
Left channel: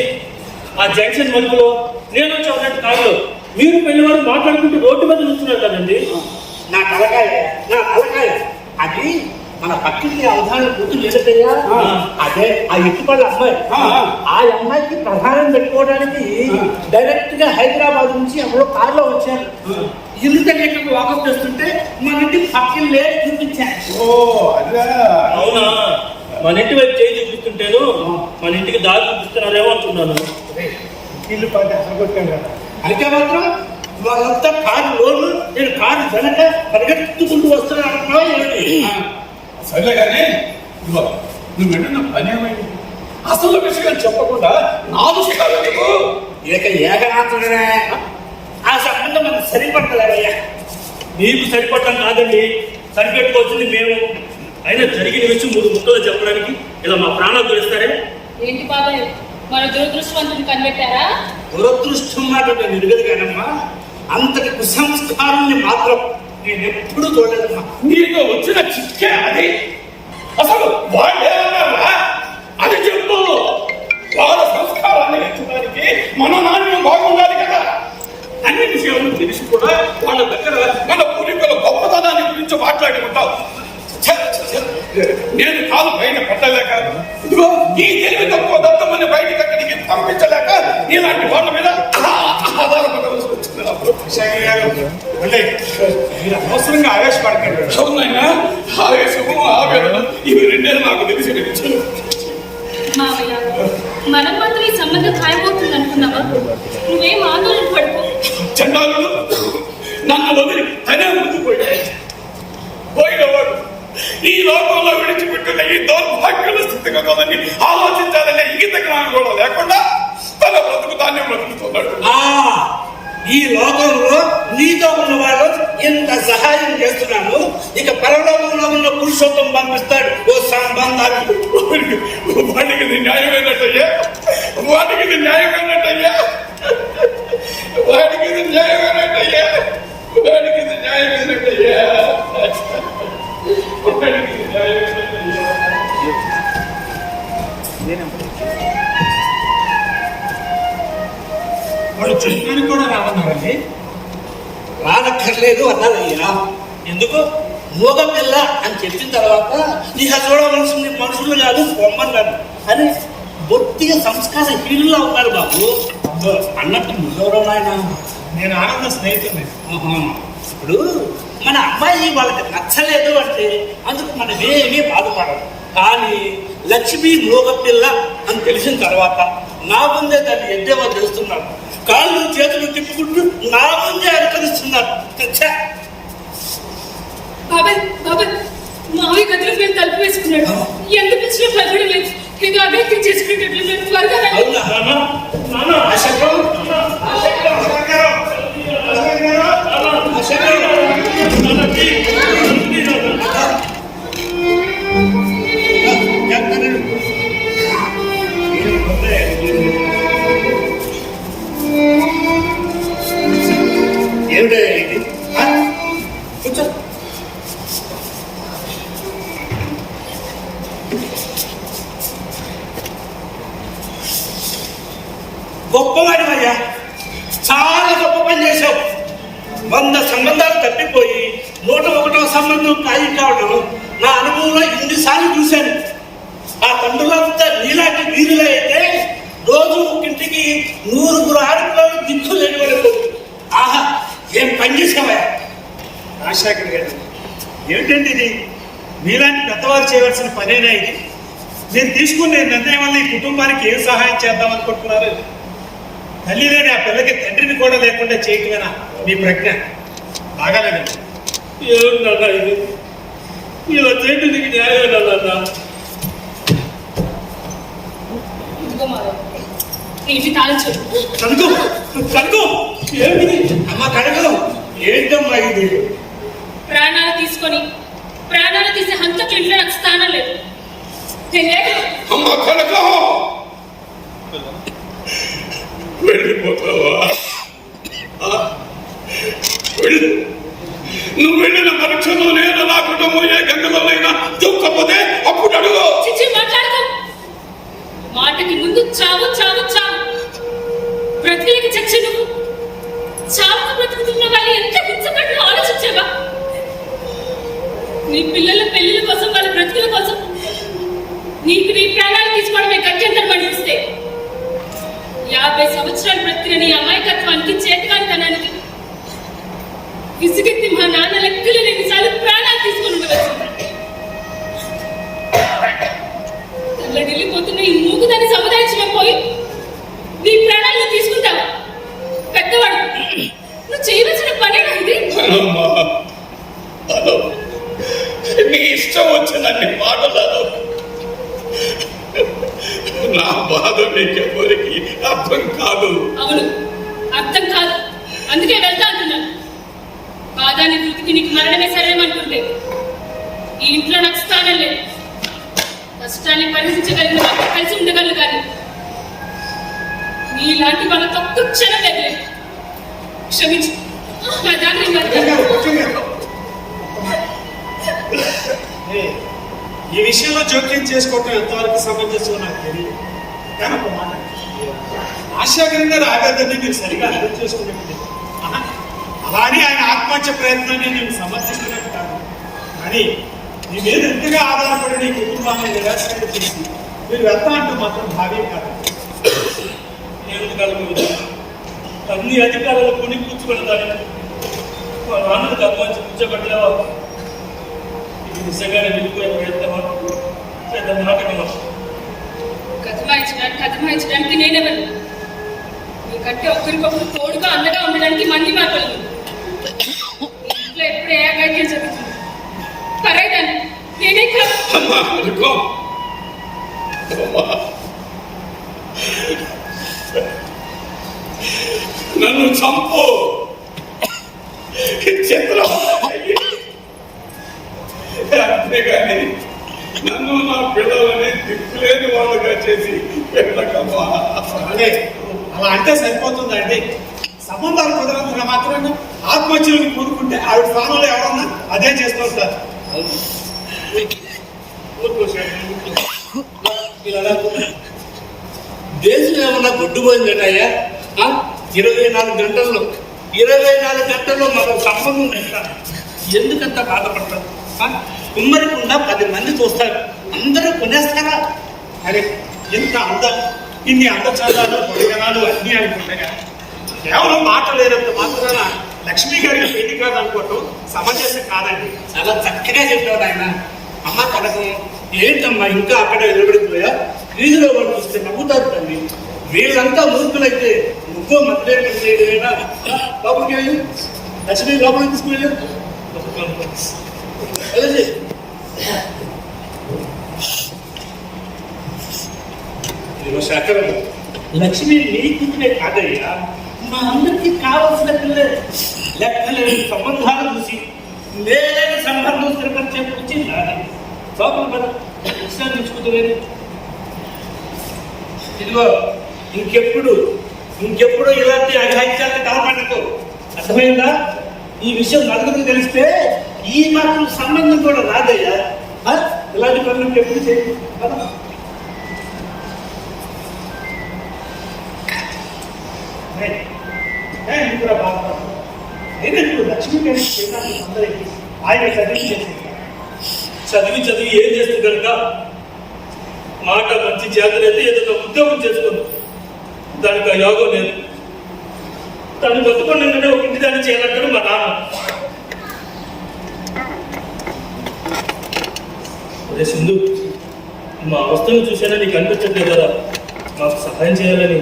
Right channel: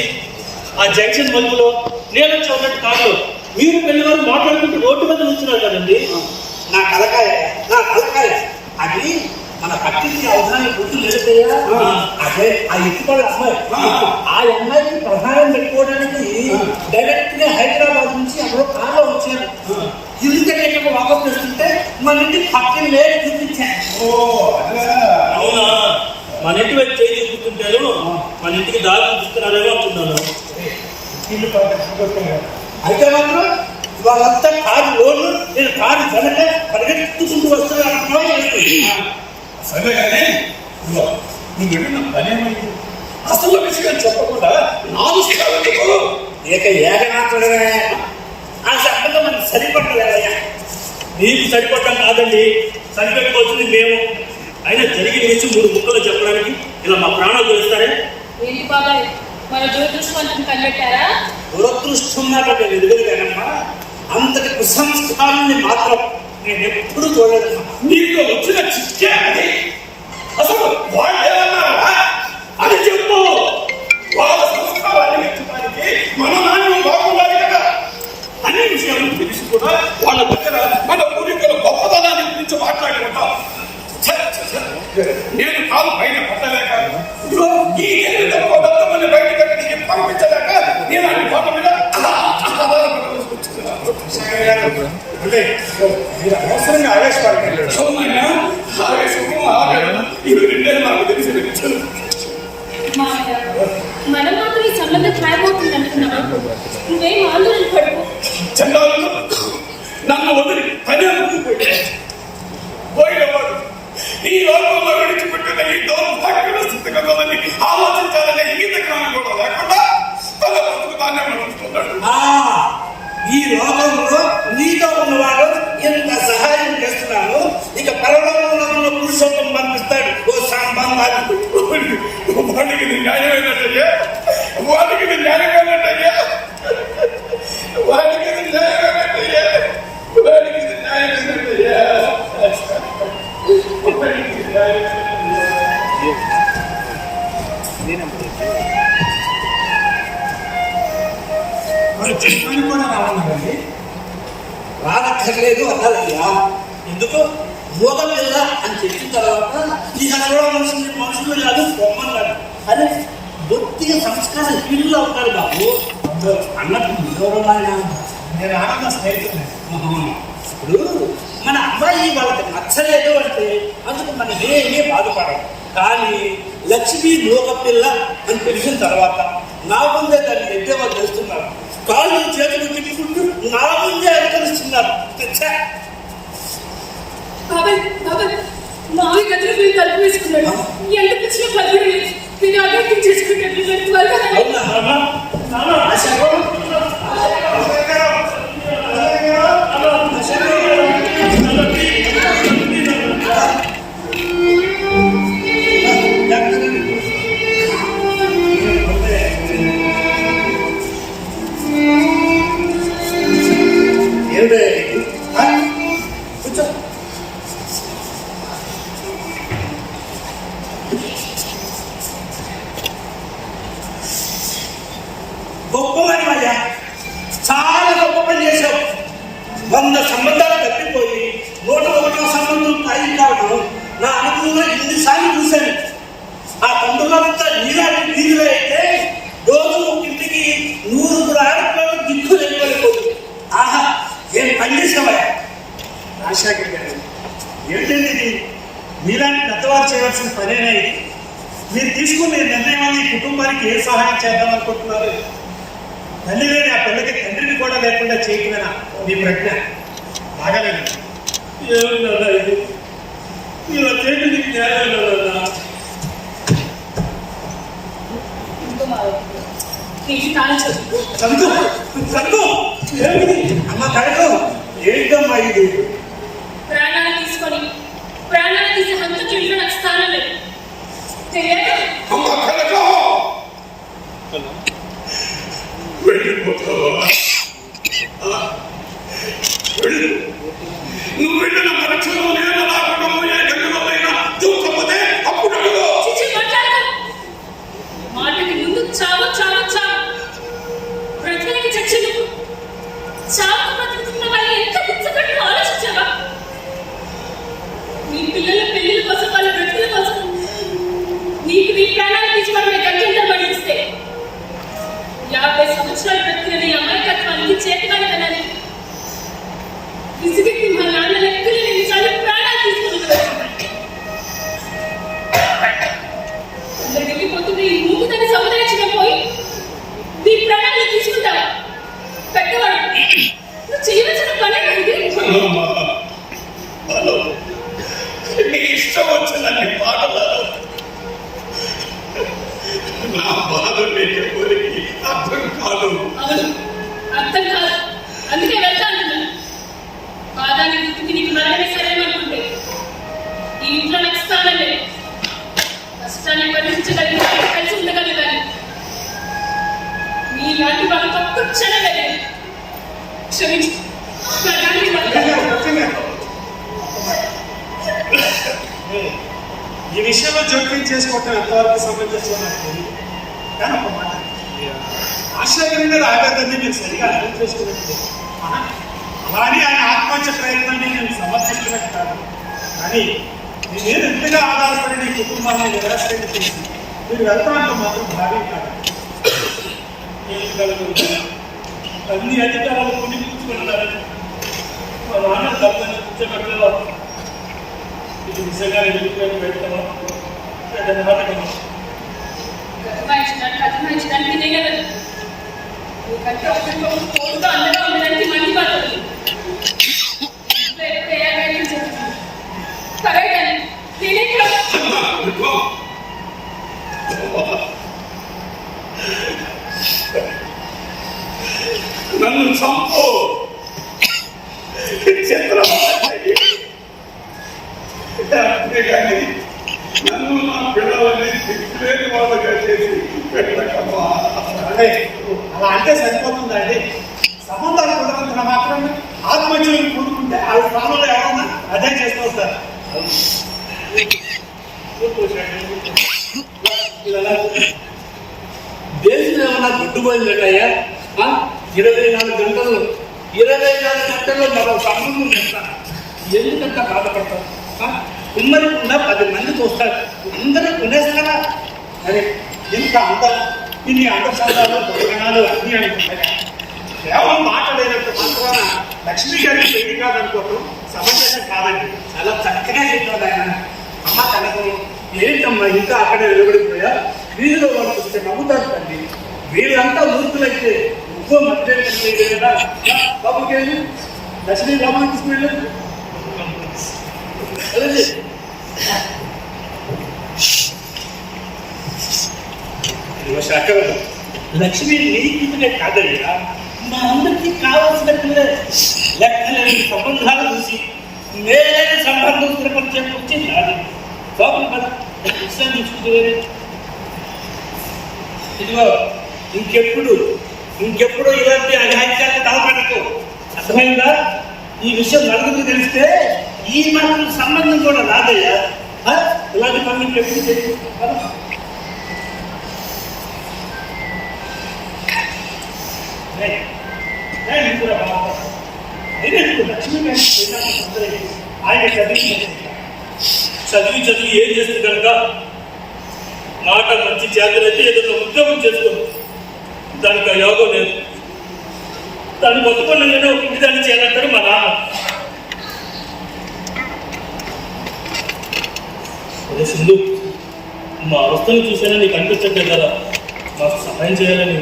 ఆ జంక్షన్ మలుపులో నేను వచ్చి ఉన్నట్టు కారులో మీరు పెళ్లి వారు మాట్లాడుకుంటూ రోడ్డు మీద నుంచున్నారు కదండి. నా కలకాయ అది మన పక్కింటి అవధానం కూతురు లేదయ్యా. అదే ఆ ఎత్తుపళ్ళ అమ్మాయి. ఆ అమ్మాయికి ప్రధానం పెట్టుకోవడానికి డైరెక్ట్ గా హైదరాబాద్ నుంచి ఎవరో కారులో వచ్చారు. ఇల్లు దగ్గర వాకప్ చేస్తుంటే మన ఇంటి పక్కన లేదు చూపించారు. అవునా? మన ఇంటి వైపు చేయి చూపిస్తుంటాను, మన ఇంటికి దారి చూపిస్తున్నారేమో అంటున్నాను. ఇల్లు అయితే మాత్రం వాళ్ళంతా కారు లోన్లు, నేను కారు వెనక పరిగెత్తుకుంటూ వస్తున్నాను. సరే కానీ నువ్వు వెళ్ళిన పని ఏమైంది? అసలు విషయం చెప్పకుండా నాలుగు ఏకనాథుడనే ఆ సంబంధం మనకు సరిపడలేదయ్యా. మీకు సరిపడటం కాదండి, సరిపెట్టుకోవాల్సింది మేము. అయినా జరిగిన విషయం 3 ముక్కలు చెప్పడానికి ఇలా మా ప్రాణాలు తెలుస్తారే. ఏంటి బాబాయ్, మన దురదృష్టవంతుని కనిపెట్టారా? దురదృష్టం మాట నేను ఎదుగలిగానమ్మా. అంతటి కుసంస్కారాన్ని మాత్రం నేను ఎప్పుడు చూడలేదమ్మా. నీకు వచ్చిన చిక్కే అది. అసలు వాళ్ళేమన్నారా అని చెప్పు. వాళ్ళ సంస్కారాన్ని ఇచ్చడానికి మన నాణ్యం బాగుండాలి కదా. అన్ని విషయాలు తెలిసి కూడా వాళ్ళ దగ్గర మన పూర్వీకుల గొప్పతనాన్ని గురించి మాట్లాడి ఉంటాం. నేను కాదు పైన పెట్టలేక, ఇదిగో ఈ తెలివి తక్కువ దత్తమని బయటకు అక్కడికి పంపించలేక నేలాంటి వాళ్ళ మీద ఆధారపడాల్సి వచ్చింది. మీరు అనవసరంగా ఆవేశపడకండి. అవునైనా ఆవేశము ఆవేదన ఇవి రెండే నాకు తెలిసి వచ్చాను. మామయ్య, మనం మాత్రం ఈ సంబంధం ఖాయమవుతుంది అనుకున్నావా? నువ్వేం ఆందోళన పడుకో. చండాలు నన్ను వదిలి తనే పోయినవాడు ఈ లోకంలో విడిచిపెట్టిన ఈ దౌర్భాగ్యుల స్థితిగతులని ఆలోచించాలనే ఇంగిత జ్ఞానం కూడా లేకుండా తన బ్రతుకు తానే బ్రతుకుతున్నాడు. ఈ లోకంలో నీతో ఉన్నవాడు ఎంత సహాయం చేస్తున్నాను, ఇక పరలోకంలో ఉన్న పురుషోత్తం పంపిస్తాడు ఓ సంబంధాలు. వాడికి ఇది న్యాయమైనట్టయ్యా, వాడికి ఇది న్యాయమైనట్టయ్యా, వాడికి ఇది న్యాయమైనట్టయ్యా, వాడికి ఇది న్యాయమైనట్టయ్యా, వాడికి ఇది న్యాయమైనట్టయ్యా. వాళ్ళు చెప్పడానికి కూడా రావన్నారండి. రానక్కర్లేదు అన్నారయ్యా. ఎందుకు? మోగ పిల్ల అని చెప్పిన తర్వాత ఇక చూడవలసింది మనుషులు కాదు బొమ్మన్నారు అని బొత్తిగా సంస్కార హీనుల్లో ఉన్నారు బాబు. అన్నట్టు ఎవరన్నాయన నేను ఆనంద స్నేహితులే. ఇప్పుడు మన అమ్మాయి వాళ్ళకి నచ్చలేదు అంటే అందుకు మనం ఏమీ బాధపడదు. కానీ లక్ష్మి మోగ పిల్ల అని తెలిసిన తర్వాత నా ముందే దాన్ని ఎద్దేమో తెలుస్తున్నారు. కాళ్ళు చేతులు తిప్పుకుంటూ నా ముందే అనుకరిస్తున్నారు. బాబాయ్ బాబాయ్, మావి గదిలో మేము తలుపు వేసుకున్నాడు. ఎంత పిచ్చిలో కలగడం లేదు. ఇది అభ్యర్థం చేసుకునేటట్లు మేము త్వరగా గొప్పవాడివయ్యా, చాలా గొప్ప పని చేశావు. 100 సంబంధాలు తప్పిపోయి 101వ సంబంధం ఖాయం కావడం నా అనుభవంలో ఇన్నిసార్లు చూశాను. ఆ తండ్రులంతా నీలాంటి వీధులు అయితే రాజశేఖర్ గారు, ఏమిటండి ఇది? మీలాంటి పెద్దవారు చేయవలసిన పనేనా ఇది? మీరు తీసుకునే నిర్ణయం వల్ల ఈ కుటుంబానికి ఏం సహాయం చేద్దాం అనుకుంటున్నారు? తల్లి లేని ఆ పిల్లకి తండ్రిని కూడా లేకుండా చేయటమేనా మీ ప్రజ్ఞ? బాగాలేదండి. ఏమన్నా ఇది ఇలా చేయడం నీకు న్యాయమేనా? ఇదిగో మా నీటి తాళం చెప్పు. కనుకో కనుకో, ఏమిటి అమ్మ? కనుకో ఏంటమ్మా ఇది? ప్రాణాలు తీసుకొని ప్రాణాలు తీసే హంతకుల్లో నాకు స్థానం లేదు. తెలియదు. అమ్మ కనకం వెళ్ళిపోతావా? వెళ్ళు. నువ్వు వెళ్ళిన మరక్షణం నేను నా కుటుంబం ఏ గంటలోనైనా దూకపోతే అప్పుడు అడుగు. చిచ్చి మాట్లాడకు. మాటకి ముందు చావు చావు చావు. బ్రతికి చచ్చి నువ్వు చావుకు బ్రతుకుతున్న వాళ్ళు ఎంత హింసపడి ఆలోచించావా? నీ పిల్లల పెళ్లిల కోసం వాళ్ళ బ్రతుకుల కోసం నీకు నీ ప్రాణాలు తీసుకోవడమే గంటంతరం పడిస్తే 50 సంవత్సరాలు బ్రతికిన నీ అమాయకత్వానికి చేతకానితనానికి విసుగెత్తి మా నాన్న లెక్కలు ఎన్నిసార్లు ప్రాణాలు తీసుకుని అలా వెళ్ళిపోతున్న ఈ మూగుదాన్ని సముదాయించడం పోయి నీ ప్రాణాలను తీసుకుంటావా? పెద్దవాడు నువ్వు చేయవలసిన పనే ఇది. నీ ఇష్టం వచ్చిందండి మాటలు. నా బాధ నీకెవరికి అర్థం కాదు. అవును, అర్థం కాదు. అందుకే వెళ్తా అంటున్నాను. బాధాన్ని గుర్తుకి నీకు మరణమే సరేమనుకుంటే ఈ ఇంట్లో నాకు స్థానం లేదు. కష్టాన్ని భరించగలిగిన వాళ్ళు కలిసి ఉండగలను కానీ నీలాంటి వాళ్ళతో ఒక్క క్షణం లేదు. క్షమించు. నా దాన్ని ఈ విషయంలో జోక్యం చేసుకోవటం ఎంతవరకు సమంజసం నాకు తెలియదు. కానీ ఒక మాట, రాజశేఖర్ గారు ఆవేదనని మీరు సరిగా అర్థం చేసుకున్నట్టు అలానే ఆయన ఆత్మహత్య ప్రయత్నాన్ని నేను సమర్థిస్తున్నట్టు కాదు. కానీ మీ మీద ఎంతగా ఆధారపడి నీ కుటుంబాన్ని నిరాశగా చేసి మీరు వెళ్తా అంటూ మాత్రం భారీ కాదు. అన్ని అధికారులు కొని కూర్చుకుంటారు. మా నాన్న తప్పని కూర్చోబెట్టలేవా? ఇది నిజంగానే వెళ్ళిపోయిన వెళ్తావా? నాటకమా? కథమాయించడానికి నేనెవరు? నీకంటే ఒకరికొకరు తోడుగా అండగా ఉండడానికి మంది మాటలు. ఇంట్లో ఎప్పుడు ఏ అగాధ్యం జరుగుతుంది? కరైదాన్ని నేనే నన్ను చంపు, చిత్రం అంతేగాని నన్ను నా పిల్లలని దిక్కులేని వాళ్ళుగా చేసి వెళ్ళకమ్మా. అలా అంటే సరిపోతుందండి. సంబంధాలు కుదరంతున్న మాత్రాన్ని ఆత్మహత్యలను కూరుకుంటే ఆవిడ స్థానంలో ఎవరన్నా అదే చేస్తూ ఉంటారు. దేశం ఏమన్నా గుడ్డుపోయిందటయ్యా? 24 గంటల్లో మనకు సంబంధం చేస్తాను. ఎందుకంత బాధపడతారు? కుమ్మరికుండా 10 మంది చూస్తారు, అందరూ కొనేస్తారా? అరే ఇంత ఇన్ని అందచందాలు భోజనాలు అన్నీ అనుకుంటారా? కేవలం మాట లేనంత మాత్రాన లక్ష్మీ గారికి పెళ్లి కాదనుకోవటం సమంజసం కాదండి. చాలా చక్కగా చెప్పాడు ఆయన. అమ్మ కనకం ఏంటమ్మా ఇంకా అక్కడ నిలబడిపోయా? వీధిలో వాళ్ళు చూస్తే నవ్వుతారు తల్లి. వీళ్ళంతా ఊరుకులైతే ముగ్గో మధ్య కదా. లోపలికి వెళ్ళి లక్ష్మీ లోపలికి తీసుకువెళ్ళు. లక్ష్మి నీ కూతురే కాదయ్యా, మా అందరికీ కావాల్సిన పిల్లలే. లెక్కలేని సంబంధాలు చూసి మేలైన సంబంధం స్థిరపరిచే వచ్చి నాది. లోపల పద, విషయాలు తీసుకుంటే ఇదిగో ఇంకెప్పుడు ఇలాంటి అఘాయిత్యాన్ని తలపడకు. అర్థమైందా? ఈ విషయం నలుగురికి తెలిస్తే ఈ మాత్రం సంబంధం కూడా రాదయ్యా. ఇలాంటి పనులు ఎప్పుడు చేయదు. లక్ష్మీ ఆయన చదివి ఏం చేస్తుంది కనుక మాట మంచి జాగ్రత్త ఏదో ఉద్యోగం చేసుకోండి. దానికి ఆ యోగం లేదు. తను బతుకుని ఒక ఇంటి దాన్ని చేయాలంటాడు మా నాన్న. అదే సింధు, మా అవస్థను చూసానని నీకు అనిపించట్లేదు కదా మాకు సహాయం చేయాలని.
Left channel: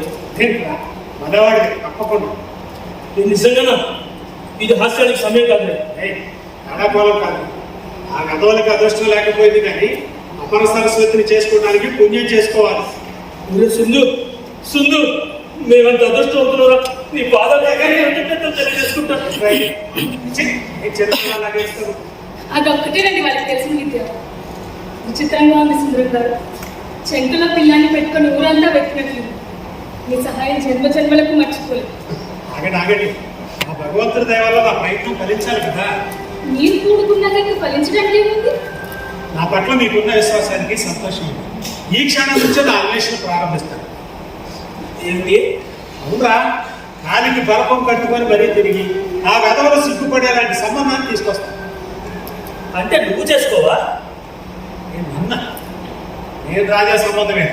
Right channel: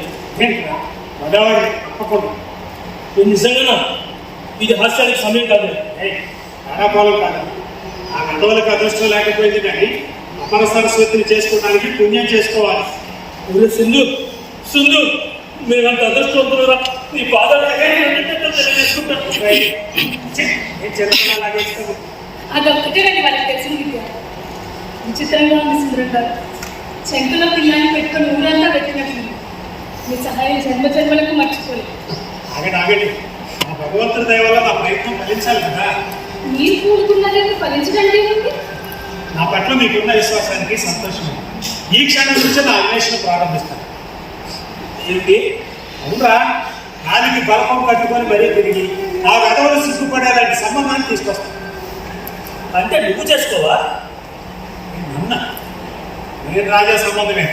మగవాడి తప్పకుండా. ఇది నిజంగానా? ఇది హాస్యానికి సమయం కాదు. ఆడపాలు కాదు, ఆ గదవులకు అదృష్టం లేకపోయింది కానీ అపర సరస్వతిని చేసుకోవడానికి పుణ్యం చేసుకోవాలి. ఒరే సింధు, సింధు, మేమంత అదృష్టవంతులురా. నీ పాదాలు తెలియజేసుకుంటాను. అదొక్కటేనండి వాళ్ళకి తెలిసిన విద్య. విచిత్రంగా ఉంది సుందరం గారు. చెంకలో పిల్లాన్ని పెట్టుకొని ఊరంతా వెతికినట్లు మీ సహాయం జన్మ జన్మలకు మర్చిపోలేదు. ఆగండి, ఆ భగవంతుడి దయ వల్ల నా ప్రయత్నం ఫలించాలి కదా. మీరు కూడుకున్నదాన్ని ఫలించడానికి ఏముంది? నా పట్ల మీకున్న విశ్వాసానికి సంతోషం. ఈ క్షణం నుంచే నా అన్వేషణ ప్రారంభిస్తాను. ఏమిటి? అవునరా, నాలుగు బలపం కట్టుకొని మరీ తిరిగి ఆ గదవలు సిగ్గుపడేలాంటి సంబంధాన్ని తీసుకొస్తాను. అంటే నువ్వు చేసుకోవా? నేను రాజా సంబంధమే.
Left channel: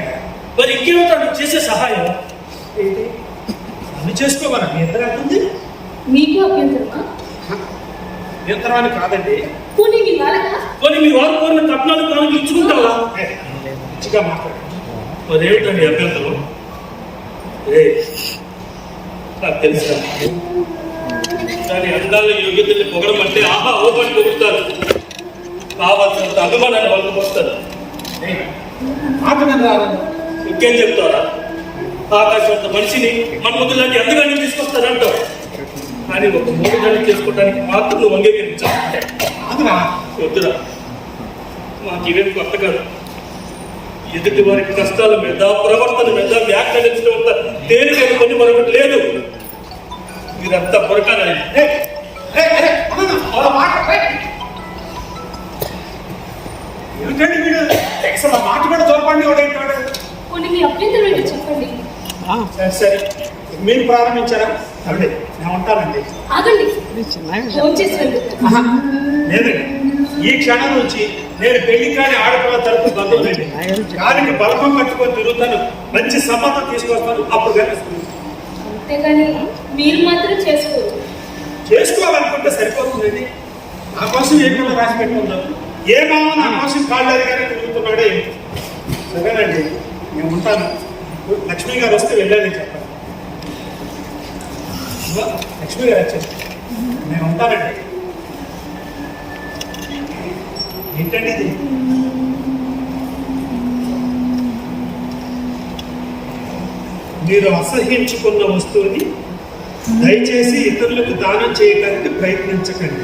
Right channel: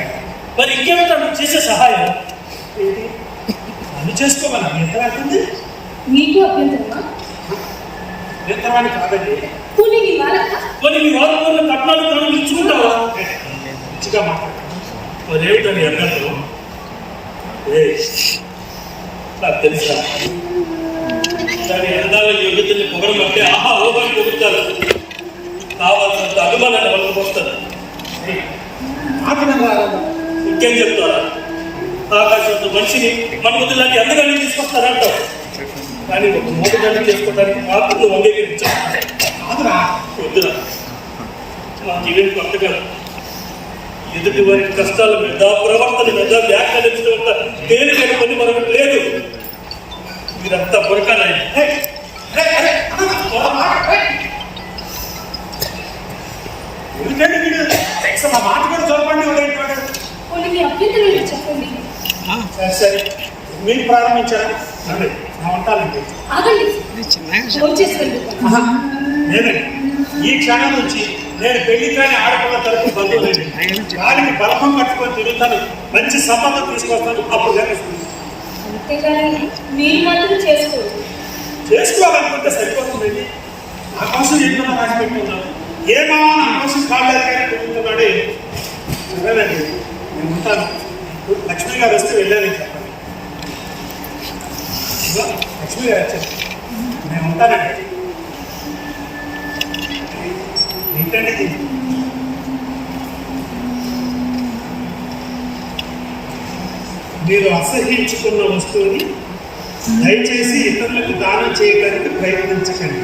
మరి ఇంకేమిటో నువ్వు చేసే సహాయం? ఏంటి నన్ను చేసుకోవాలా? ఎంత అవుతుంది? మీకు అభ్యంతరమా? అభ్యంతరమని కాదండి. పోనీ మీ వాళ్ళక? కొన్ని మీ వారు కోరిన కట్నాలు తనకు ఇచ్చుకుంటావా? మంచిగా మాట్లాడు. మరేమిటని అభ్యంతరం? నాకు తెలుసా, దాని అందాల యోగ్యతల్ని పొగడమంటే ఆహా ఓహని పొగుడతారు. కావాల్సినంత అభిమానాన్ని వాళ్ళకి వస్తారు. ఇంకేం చెప్తారా? ఆకాశంతో మనిషిని మన ముందులాంటి అందగాన్ని తీసుకొస్తారంటావు. కానీ ఒక మూడుదాన్ని చేసుకోవడానికి మాత్రం నువ్వు అంగీకరించావు. వద్దురా, మాకు ఇవేమి కొత్త కాదు. ఎదుటి వారి కష్టాల మీద, ప్రవర్తన మీద వ్యాఖ్యానించడం అంత తేలికని పని మరొకటి లేదు. మీరంతా పొరకాలి. మాట కూడా దొరకండి. పోనీ మీ అభ్యంతరం ఏంటో చెప్పండి. సరే, మీరు ప్రారంభించారా? సరే, నా ఉంటానండి. ఆగండి, ఫోన్ చేసి వెళ్తాను. లేదండి, ఈ క్షణం నుంచి నేను పెళ్లి కాని ఆడపిల్ల తరపు బంధువులండి. దానికి బలపం కట్టుకొని తిరుగుతాను, మంచి సంబంధం తీసుకొస్తాను. అప్పుడు కనిపిస్తుంది. అంతేగాని మీరు మాత్రం చేసుకోవాలనుకుంటే సరిపోతుందండి. నా కోసం ఎక్కడో రాసి పెట్టుకుందాం. ఏ మామ నా కోసం కాళ్ళు అడిగానే తిరుగుతున్నాడే. సరేనండి, నేను ఉంటాను. లక్ష్మి గారు వస్తే వెళ్ళాలని చెప్పండి. లక్ష్మి గారు వచ్చారు, నేను ఉంటానండి. ఏంటండి ఇది? మీరు అసహ్యించుకున్న వస్తువుని దయచేసి ఇతరులకు దానం చేయడానికి ప్రయత్నించకండి.